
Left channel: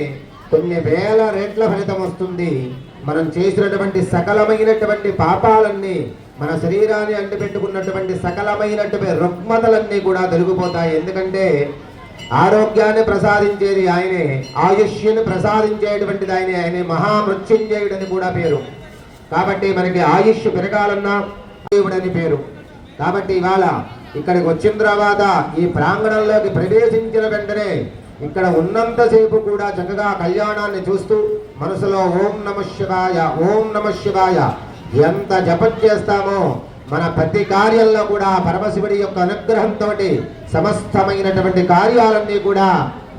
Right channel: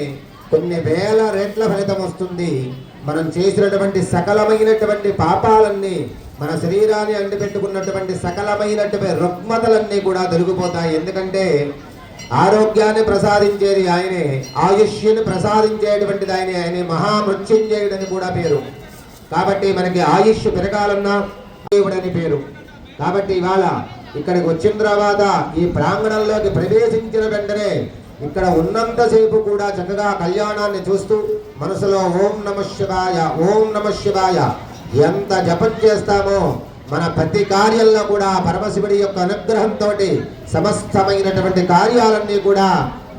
కొన్ని వేల రెట్ల ఫలితం వస్తుంది. మనం చేసినటువంటి సకలమైనటువంటి పాపాలన్నీ, మన శరీరాన్ని అంటిపెట్టుకున్నటువంటి సకలమైనటువంటి రుగ్మతలన్నీ కూడా తొలగిపోతాయి. ఎందుకంటే ఆరోగ్యాన్ని ప్రసాదించేది ఆయనే, ఆయుష్ని ప్రసాదించేటువంటిది ఆయనే మహామృత్యుంజయుడని కూడా పేరు. కాబట్టి మనకి ఆయుష్ పెరగాలన్నా దేవుడని పేరు. కాబట్టి ఇవాళ ఇక్కడికి వచ్చిన తర్వాత ఈ ప్రాంగణంలోకి ప్రవేశించిన వెంటనే ఇక్కడ ఉన్నంతసేపు కూడా చక్కగా కళ్యాణాన్ని చూస్తూ మనసులో ఓం నమః శివాయ ఓం నమః శివాయ ఎంత జపం చేస్తామో మన ప్రతి కార్యంలో కూడా పరమశివుడి యొక్క అనుగ్రహంతో సమస్తమైనటువంటి కార్యాలన్నీ కూడా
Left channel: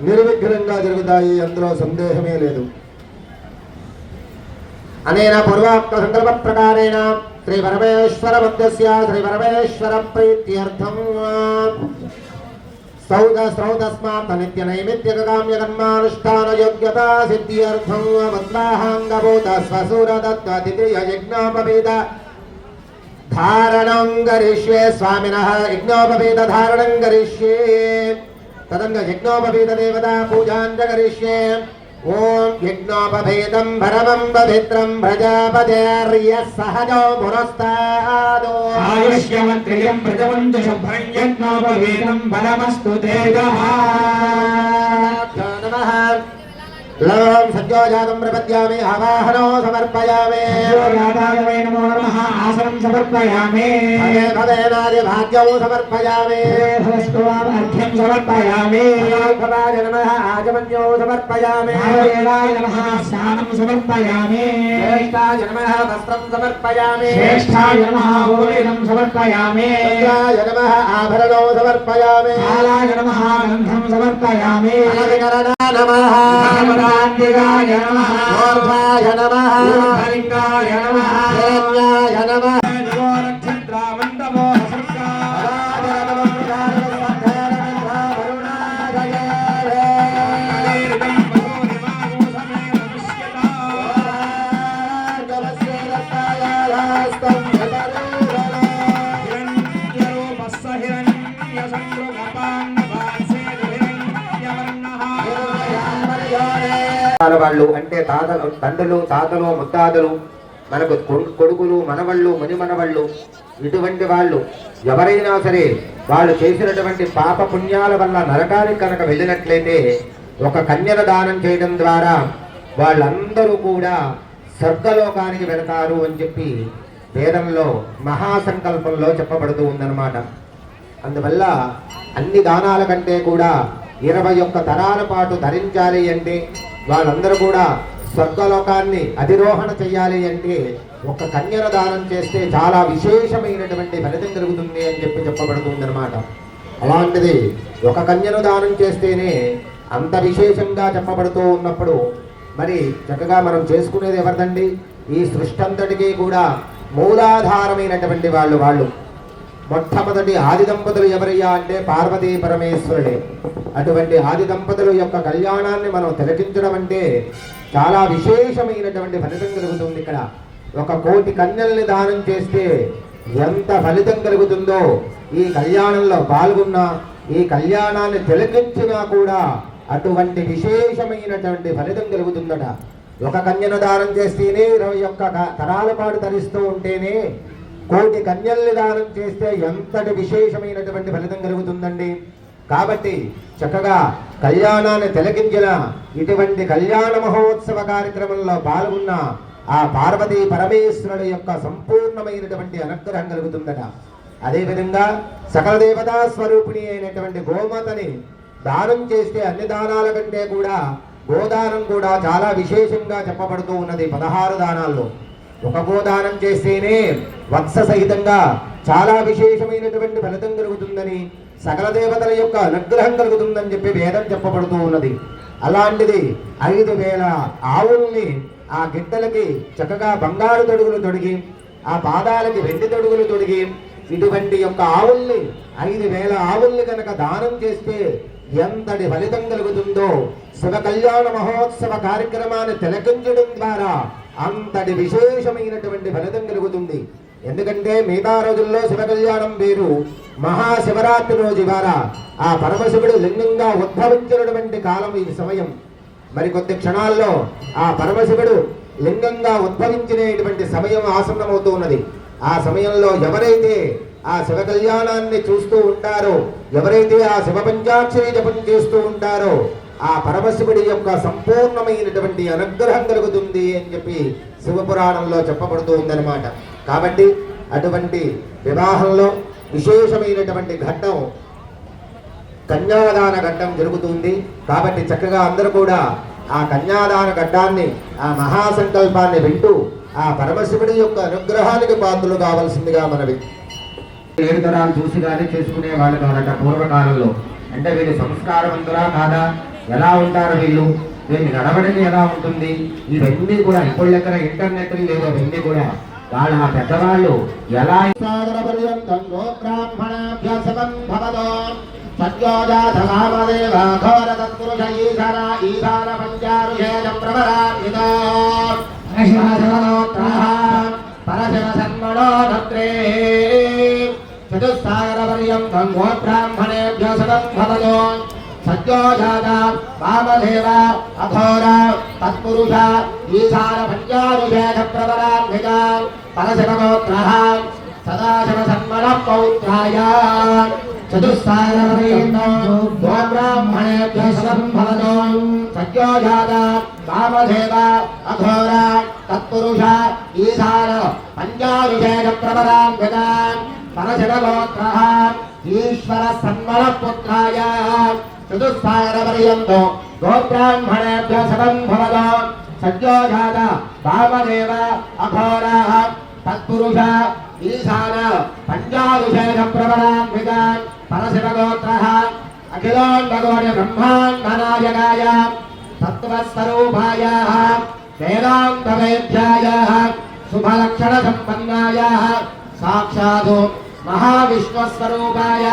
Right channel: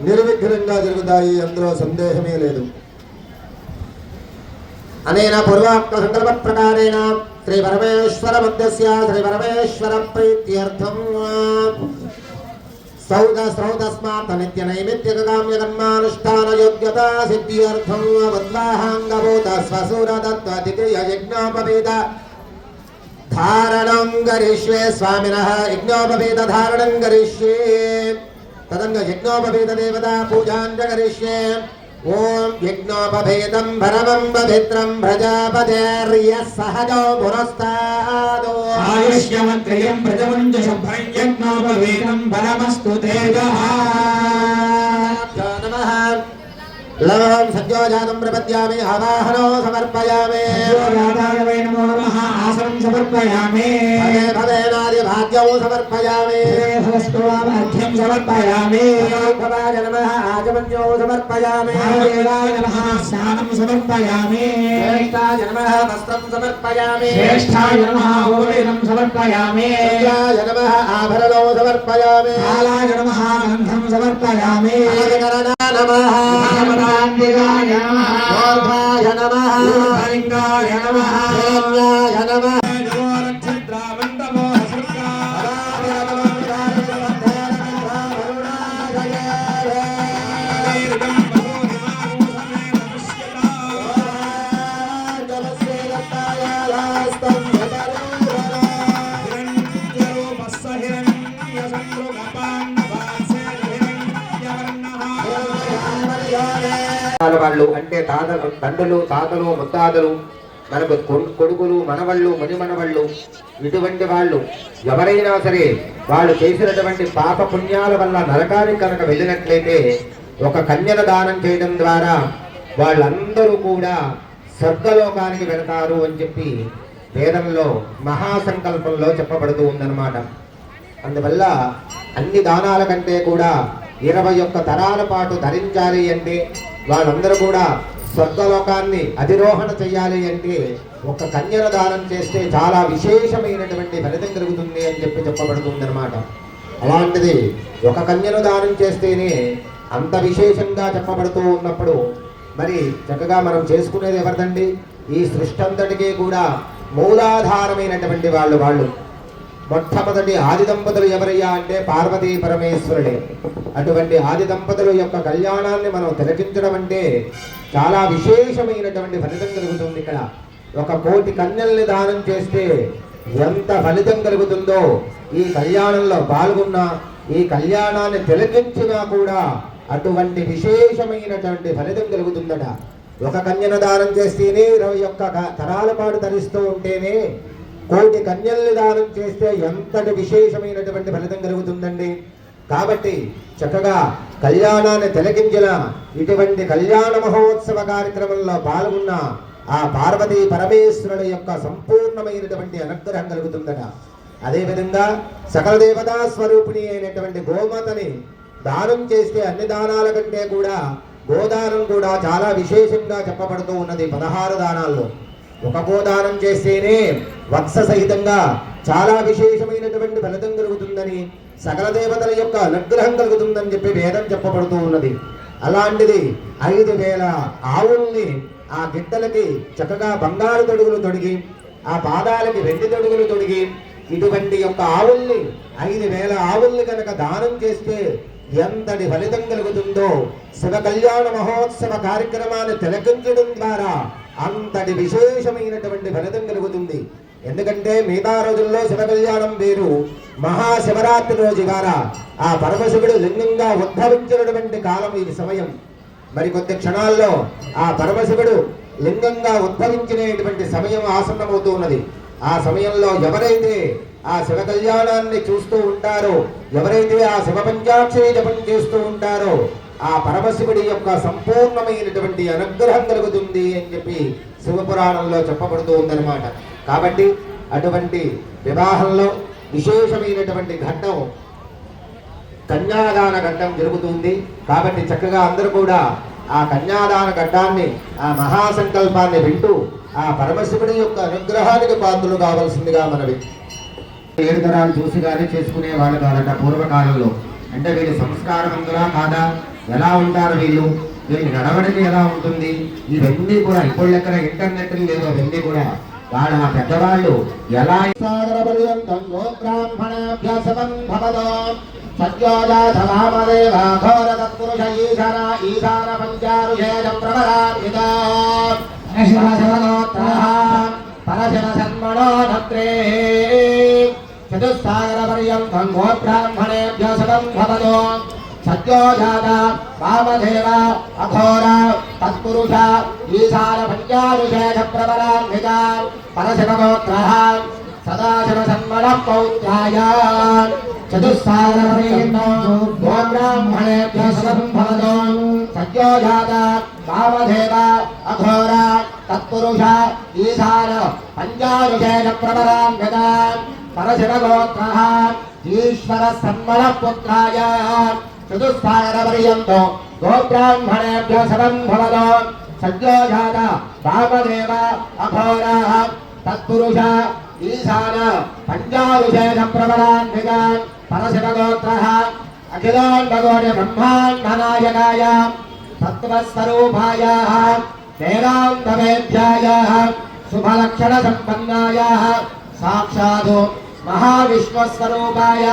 నిర్విఘ్నంగా జరుగుతాయి, అందులో సందేహమే లేదు. అనేన పూర్వాక్త సంకల్ప ప్రకారేణ శ్రీ పరమేశ్వర మధ్యస్య శ్రీ పరమేశ్వర ప్రీత్యర్థం శ్రౌతస్మాత్ నిత్య నైమిత్తిక కామ్య కర్మానుష్ఠాన యోగ్యతా సిద్ధ్యర్థం వద్వాహాంగభూత స్వసూర దత్త ద్వితీయ యజ్ఞోపవేద ధారణం కరిష్యే స్వామినః యజ్ఞోపవేద ధారణం కరిష్యే తదంగ యజ్ఞోపవేద దేవతా పూజాం చ కరిష్యే. ఓం యజ్ఞోపవేదం పరమం పవిత్రం ప్రజాపతేర్య సహజో పురస్తాదో ఆయుష్యమంత్రియం ప్రజవంచ శుభ్రం యజ్ఞోపవేదం బలమస్తు తేజః. నమః లవం సత్యోజాతం ప్రపద్యామి ఆవాహనో సమర్పయామి సత్యోజాతాయ నమో నమః ఆసనం సమర్పయామి భవేనాది భాగ్యము సమర్పయామి సహస్రవాదాఖ్యం సమర్పయామి భవాయ నమః ఆజమన్యో సమర్పయామి భవేనాయ నమః స్నానం సమర్పయామి శ్రేష్ఠాయ నమః వస్త్రం సమర్పయామి శ్రేష్ఠాయ నమః భోజనం సమర్పయామి దివ్యాయ నమః ఆభరణో సమర్పయామి కాలాయ నమః గంధం సమర్పయామి నమః భగవతాంబికాయ నమః గోర్భాయ నమః లింగాయ నమః దేవ్యాయ నమః వాళ్ళు అంటే తాతలు తండ్రులు తాతలు ముత్తాతలు మనకు కొడుకులు మనవళ్ళు మణిమణవళ్ళు ఇటువంటి వాళ్ళు ఎవరైనా సరే వాళ్ళు చేసినటువంటి పాప పుణ్యాల వల్ల నరకానికి కనుక వెళ్ళినట్లయితే ఒక కన్యల దానం చేయడం ద్వారా వాళ్ళందరూ కూడా స్వర్గలోకానికి వెళతారు అని చెప్పి వేదంలో మహాసంకల్పంలో చెప్పబడుతూ ఉందన్నమాట. అందువల్ల అన్ని దానాల కంటే కూడా 21 తరాల పాటు ధరించాలి అంటే వాళ్ళందరూ కూడా స్వర్గలోకాన్ని అధిరోహణ చేయాలి అంటే ఒక కన్యల దానం చేస్తే చాలా విశేషమైనటువంటి ఫలితం కలుగుతుంది అని చెప్పి చెప్పబడుతుంది అనమాట. అలాంటిది ఒక కన్యను దానం చేస్తేనే అంత విశేషంగా చెప్పబడుతూ ఉన్నప్పుడు మరి చక్కగా మనం చేసుకునేది ఎవరిదండి? ఈ సృష్టి అంతటికీ కూడా మూలాధారమైనటువంటి వాళ్ళు మొట్టమొదటి ఆది దంపతులు ఎవరయ్యా అంటే పార్వతీ పరమేశ్వరుడే. అటువంటి ఆది దంపతుల యొక్క కళ్యాణాన్ని మనం తిలకించడం అంటే చాలా విశేషమైనటువంటి ఫలితం కలుగుతుంది. ఇక్కడ 1 కోటి కన్యల్ని దానం చేస్తే ఎంత ఫలితం కలుగుతుందో ఈ కళ్యాణంలో పాల్గొన్న ఈ కళ్యాణాన్ని తిలకించినా కూడా అటువంటి విశేషమైనటువంటి ఫలితం కలుగుతుందట. 1 కన్యను దానం చేస్తేనే 21 తరాల పాటు ధరిస్తూ ఉంటేనే 1 కోటి కన్యల్ని దానం చేస్తే ఎంతటి విశేషమైనటువంటి ఫలితం కలుగుతుందండి. కాబట్టి చక్కగా కళ్యాణాన్ని తిలకించిన ఇటువంటి కళ్యాణ మహోత్సవ కార్యక్రమంలో పాల్గొన్న ఆ పార్వతీ పరమేశ్వరుడు యొక్క సంపూర్ణమైనటువంటి అనుగ్రహం కలుగుతుందట. అదేవిధంగా సకల దేవతా స్వరూపిణి అయినటువంటి గోమాతని దానం చేస్తే అన్ని దానాల కంటే కూడా గోదానం కూడా చాలా విశేషంగా చెప్పబడుతూ ఉన్నది. 16 దానాల్లో 1 గోదానం చేస్తేనే వత్స సహితంగా చాలా విశేషమైనటువంటి ఫలితం కలుగుతుందని, సకల దేవతల యొక్క అనుగ్రహం కలుగుతుందని చెప్పి వేదం చెప్పబడుతూ ఉన్నది. అలాంటిది 5,000 ఆవుల్ని ఆ గిట్టలకి చక్కగా బంగారు తొడుగులు తొడిగి, ఆ పాదాలకి వెండి తొడుగులు తొడిగి, ఇటువంటి యొక్క ఆవుల్ని 5,000 ఆవుల్ని కనుక దానం చేస్తే ఎంతటి ఫలితం కలుగుతుందో శివ కళ్యాణ మహోత్సవ కార్యక్రమాన్ని తిలకించడం ద్వారా అంతటి విశేషమైనటువంటి ఫలితం కలుగుతుంది. ఎందుకంటే మిగతా రోజుల్లో శివ కళ్యాణం వేరు, మహాశివరాత్రి రోజు ఇవాళ ఆ పరమశివుడు లింగంగా ఉద్భవించినటువంటి కాలం ఇది సమయం. మరికొద్ది క్షణాల్లో ఆ పరమశివుడు లింగంగా ఉద్భవించినటువంటి సమయం ఆసన్నమవుతూ ఉన్నది. ఆ సమయంలో ఎవరైతే ఆ శివ కళ్యాణాన్ని చూస్తూ ఉంటారో, ఎవరైతే ఆ శివ పంచాక్షరి జపం చేస్తూ ఉంటారో ఆ పరమశివుడి యొక్క సంపూర్ణమైనటువంటి అనుగ్రహం కలుగుతుంది అని చెప్పి శివపురాణంలో చెప్పబడుతూ ఉందన్నమాట. కాబట్టి అటువంటి వివాహంలో విశేషమైనటువంటి ఘట్టం కన్యాదాన ఘట్టం జరుగుతుంది. కాబట్టి చక్కగా అందరూ కూడా ఆ కన్యాదాన ఘట్టాన్ని, ఆ మహాసంకల్పాన్ని వింటూ ఆ పరమశివుడి యొక్క అనుగ్రహానికి పాత్రలు కావలసిందిగా మనవి. 7 తరాలు చూసి కానీ చేసుకునే వాళ్ళు కాదట పూర్వకాలంలో. అంటే వీళ్ళ సంస్కారం ఉందా కాదా, ఎలా ఉంటారు వీళ్ళు, వీళ్ళ నడవడికి ఎలా ఉంటుంది, ఇవన్నీ కూడా ఇప్పుడు ఎక్కడ ఇంటర్నెట్ లేదో ఇవన్నీ కూడా వాళ్ళ పెద్దవాళ్ళు ఎలా చతుస్సాగరపర్యంతం గోబ్రాహ్మణేభ్యో శతం భవతో సత్యోజాత వామదేవ అఘోర తత్పురుష ఈశాన పంచారుషేణ ప్రబలాభ్యజ పరశివగోత్రః సదాశివ సన్మన పౌత్రాయ చతుస్సాగరపర్యంతం గోబ్రాహ్మణేభ్యో శతం భవతో సత్యోజాత వామదేవ అఘోర తత్పురుష ఈశాన పంచారుషేణ ప్రబలాభ్యజ పరశివగోత్రః ఈశ్వర సన్మన పుత్రాయ చతుస్సాగరపర్యంతం గోబ్రాహ్మణేభ్యో శతం భవతో సత్యోజాత వామదేవ అఘోర తత్పురుష ఈశాన పంచారుషేణ ప్రబలాభ్యజ పరశివగోత్రః అఖిలాండగోడి బ్రహ్మాండనాయకాయ తత్వస్వరూపాయ వేదాంతవేద్యాయ శుభలక్షణ సంపన్నాయ సాక్షాత్ మహావిష్ణుస్వరూపాయ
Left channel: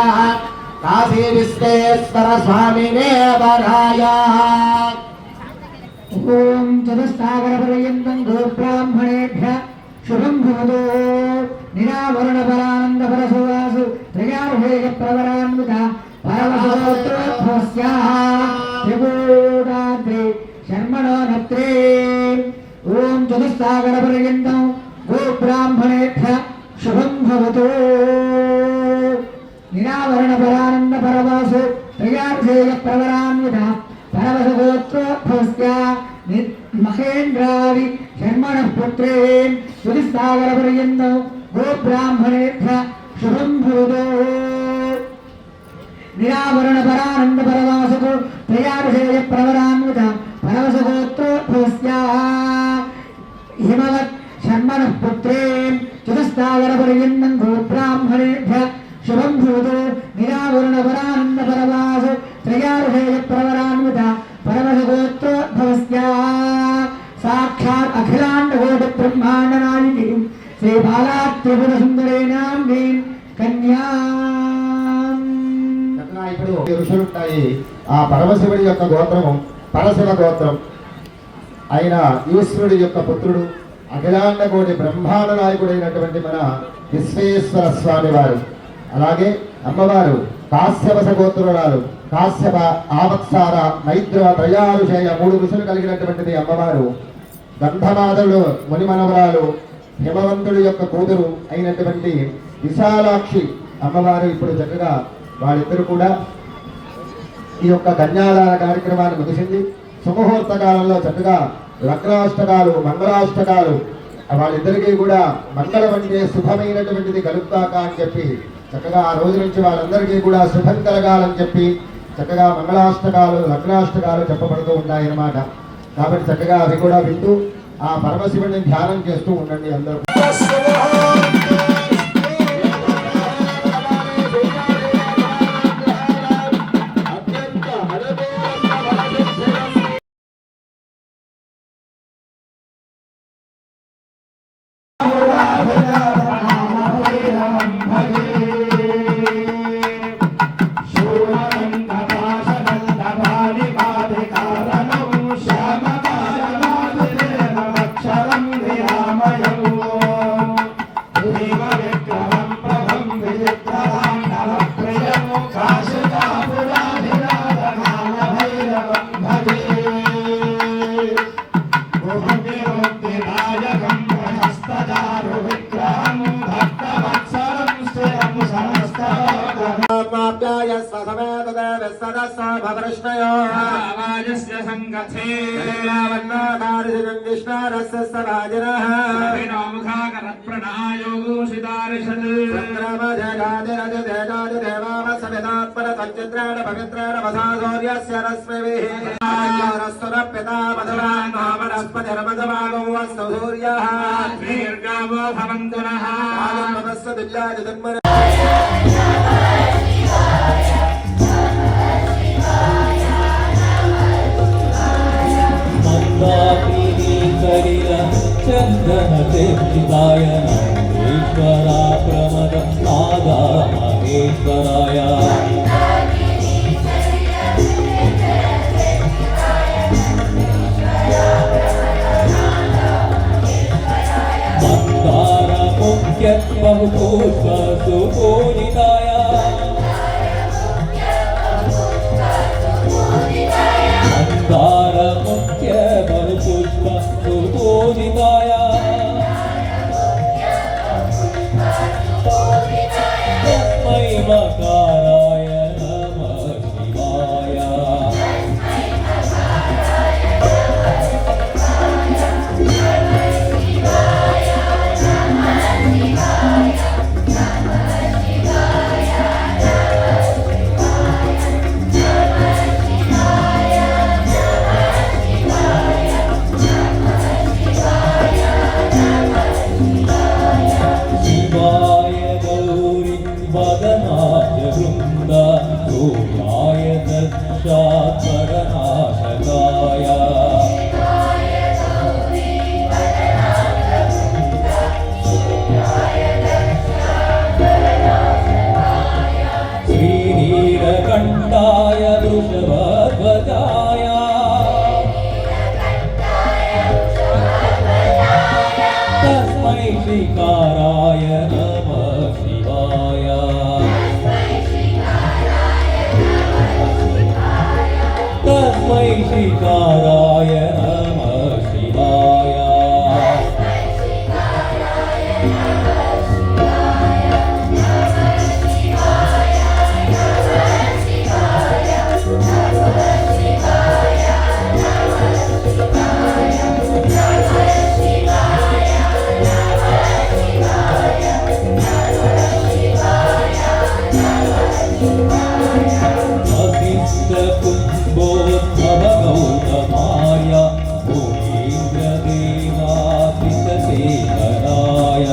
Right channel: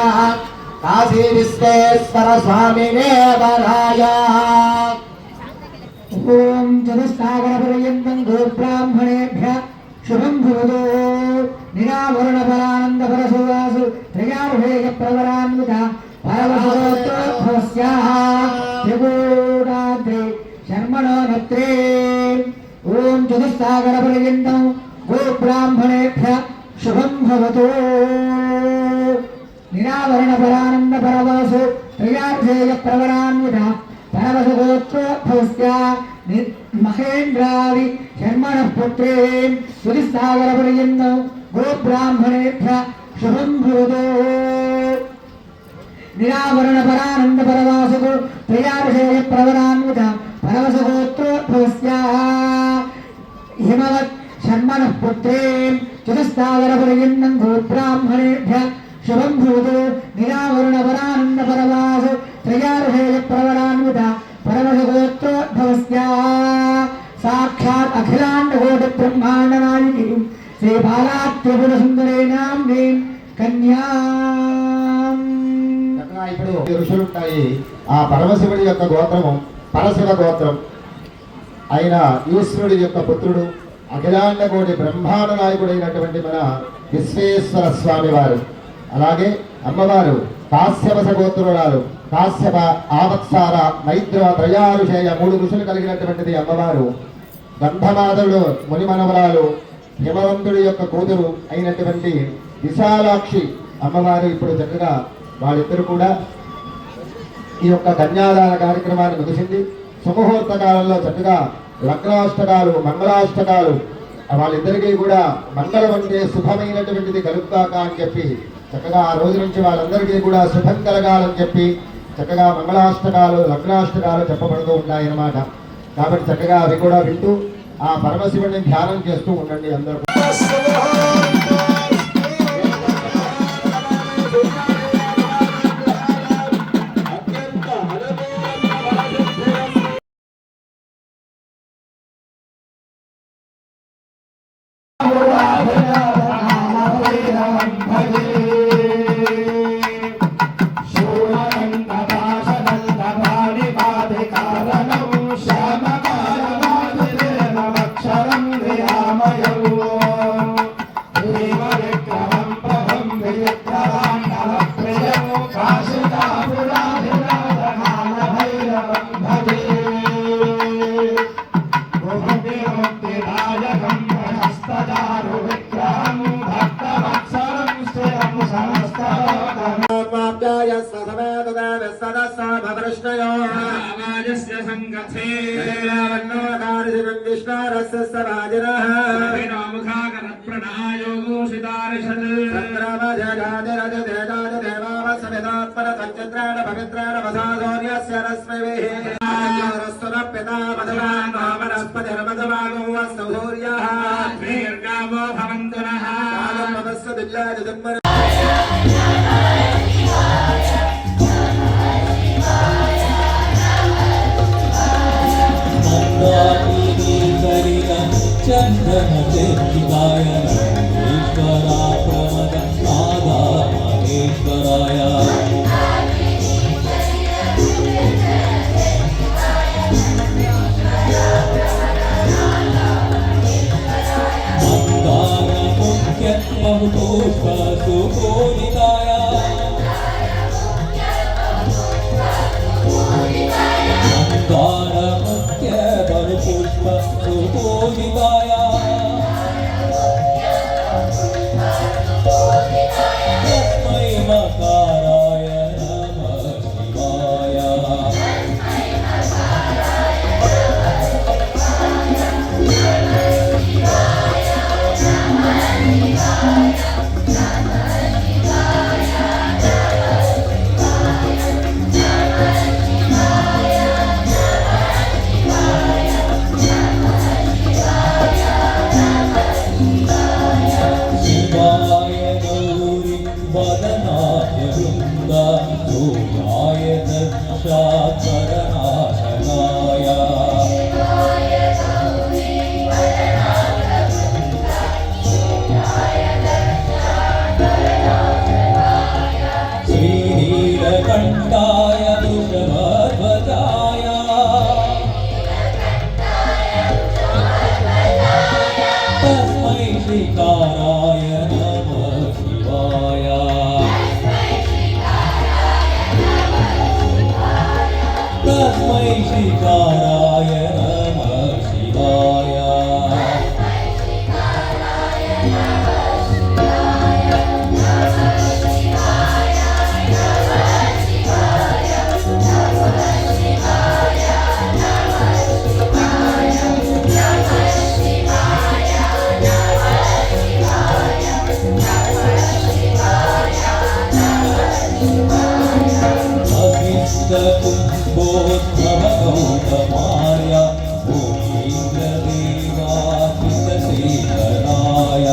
కాశీ విశ్వేశ్వర స్వామినే వరాయ. ఓం చతుస్సాగరపర్యంతం గోబ్రాహ్మణేభ్యః శుభం భవతు నిరావరణ పరానంద పరశువాసు త్రయారుషేయ ప్రవరాన్విత పరమశోత్రోత్సవస్యాః త్రిపురాత్రి శర్మణో నత్రే. ఓం చతుస్సాగరపర్యంతం గోబ్రాహ్మణేభ్యః శుభం భవతు నిరావరణ పరానంద పరవాసు త్రయారుషేయ ప్రవరాన్విత పరమశోత్రోత్సవస్య మహేంద్రాది శర్మణ పుత్రే చతుస్సాగరపర్యంతం గోబ్రాహ్మణేభ్యః శుభం భవతు నిరావరణ పరానంద పరవాసుకు త్రయారుషేయ ప్రవరాన్విత పరమశోత్రోత్సవస్య హిమవత్ శర్మణ పుత్రే చతుస్సాగరపర్యంతం గోబ్రాహ్మణేభ్యః శుభం భవతు నిరావరణ పరానంద పరవాసు త్రయారుషేయ ప్రవరాన్విత పరమశోత్రోద్భవస్య సాక్షాత్ అఖిలాండకోటి బ్రహ్మాండ నాయకీ శ్రీ బాలా త్రిపుర సుందరేణాం నీం కన్యాం. ఇప్పుడు ఋషులుంటాయి. ఆ పరమశివుడి యొక్క గోత్రము పరశివ గోత్రం అయిన ఈశ్వరుడి యొక్క పుత్రుడు అఖిలాండ కోటి బ్రహ్మాండ నాయకుడైనటువంటి మన విశ్వేశ్వర స్వామి వారు. అలాగే అమ్మవారు కాశ్యప గోత్రురాలు. కాశ్యప, ఆవత్సార, మైత్ర, త్రయారుషేయ 3 ఋషులు కలిగినటువంటిది అమ్మవారు. గంధమాధవుడు ముని మనవరాలు, హిమవంతుడి యొక్క కూతురు అయినటువంటి విశాలాక్షి అమ్మవారు. ఇప్పుడు చక్కగా వాళ్ళిద్దరూ కూడా ఈ యొక్క కన్యాదాన కార్యక్రమాన్ని ముగిసింది. సుముహూర్త కాలంలో చక్కగా లగ్నాష్టకాలు, మంగళాష్టకాలు వాళ్ళిద్దరికీ కూడా మంగళం అంటే శుభమైనటువంటిది కలుగుతాక అని చెప్పి చక్కగా ఆ రోజు నుంచి వాళ్ళందరికీ కూడా శుభం కలగాలని చెప్పి చక్కగా మంగళాష్టకాలు, లగ్నాష్టకాలు చెప్పబడుతూ ఉన్నాయన్నమాట. కాబట్టి చక్కగా అవి కూడా వింటూ ఆ పరమశివుని ధ్యానం చేస్తూ ఉండండి అందరూ. राजस्य संगथे दीर्घावो भवन्तु नः चंदन देवाय ईश्वरा प्रमद नादा महेश्वराय मंदार मुख्य बहुपुष्प सुपूजिताय मंदार मुख्य बहुपुष्प सुपूजिताय तस्मै मकाराय नमः शिवाय शिवाय गौरी वदनाय वृन्द सूर्याय दक्षाकरनाशकाय श्रीनीलकण्ठाय वृषभध्वजाय तस्मै श्रीकाराय नमः शिवाय तस्मै श्रीकाराय नमः शिवाय अभिष्टकुम्भोद्भवगौतमाय भूमीन्द्रदेवासितशेखराय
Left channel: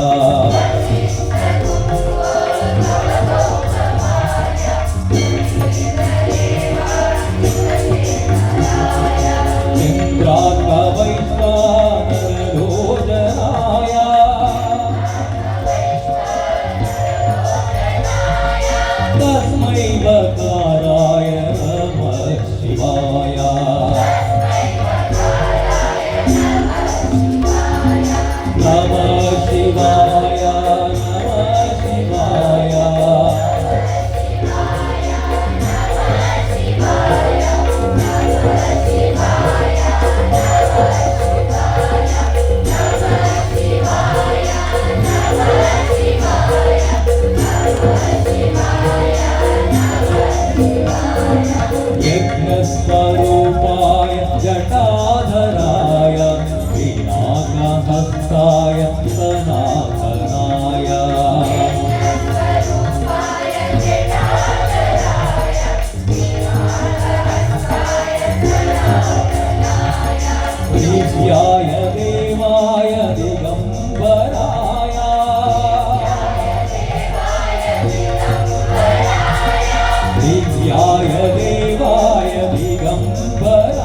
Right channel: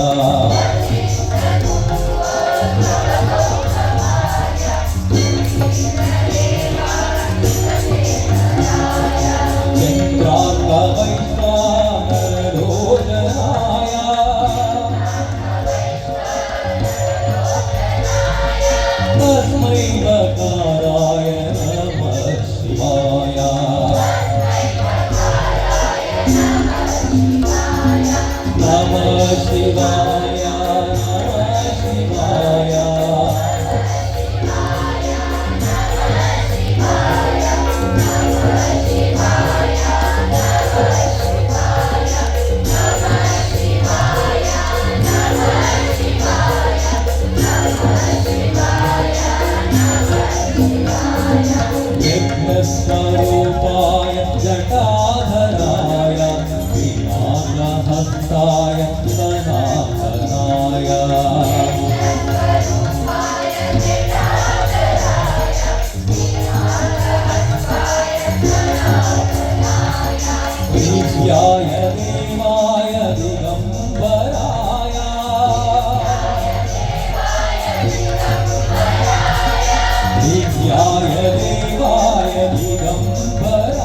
चन्द्रार्कवैश्वानररोदनाय तस्मै वकाराय नमः शिवाय नमः शिवाय नमः शिवाय यज्ञस्वरूपाय जटाधराय वीणाहस्ताय सनातनाय दिव्याय देवाय दिगम्बराय दिव्याय देवाय दिगम्बराय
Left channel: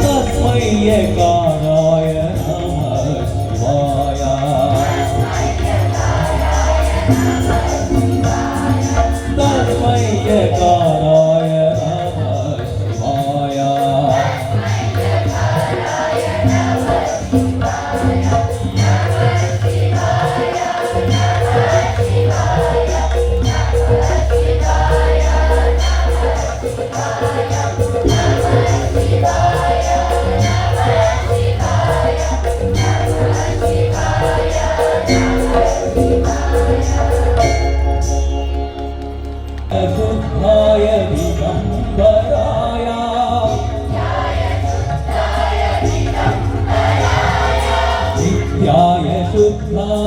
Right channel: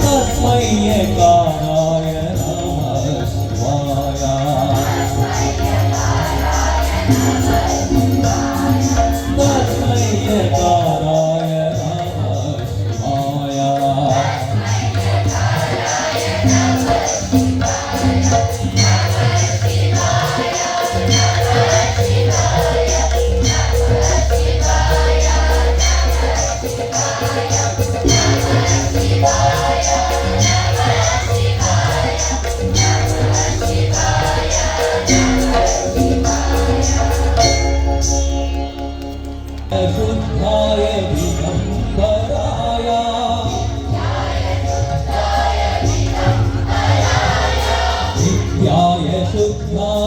तस्मै यकाराय नमः शिवाय तस्मै यकाराय नमः शिवाय शुद्धाय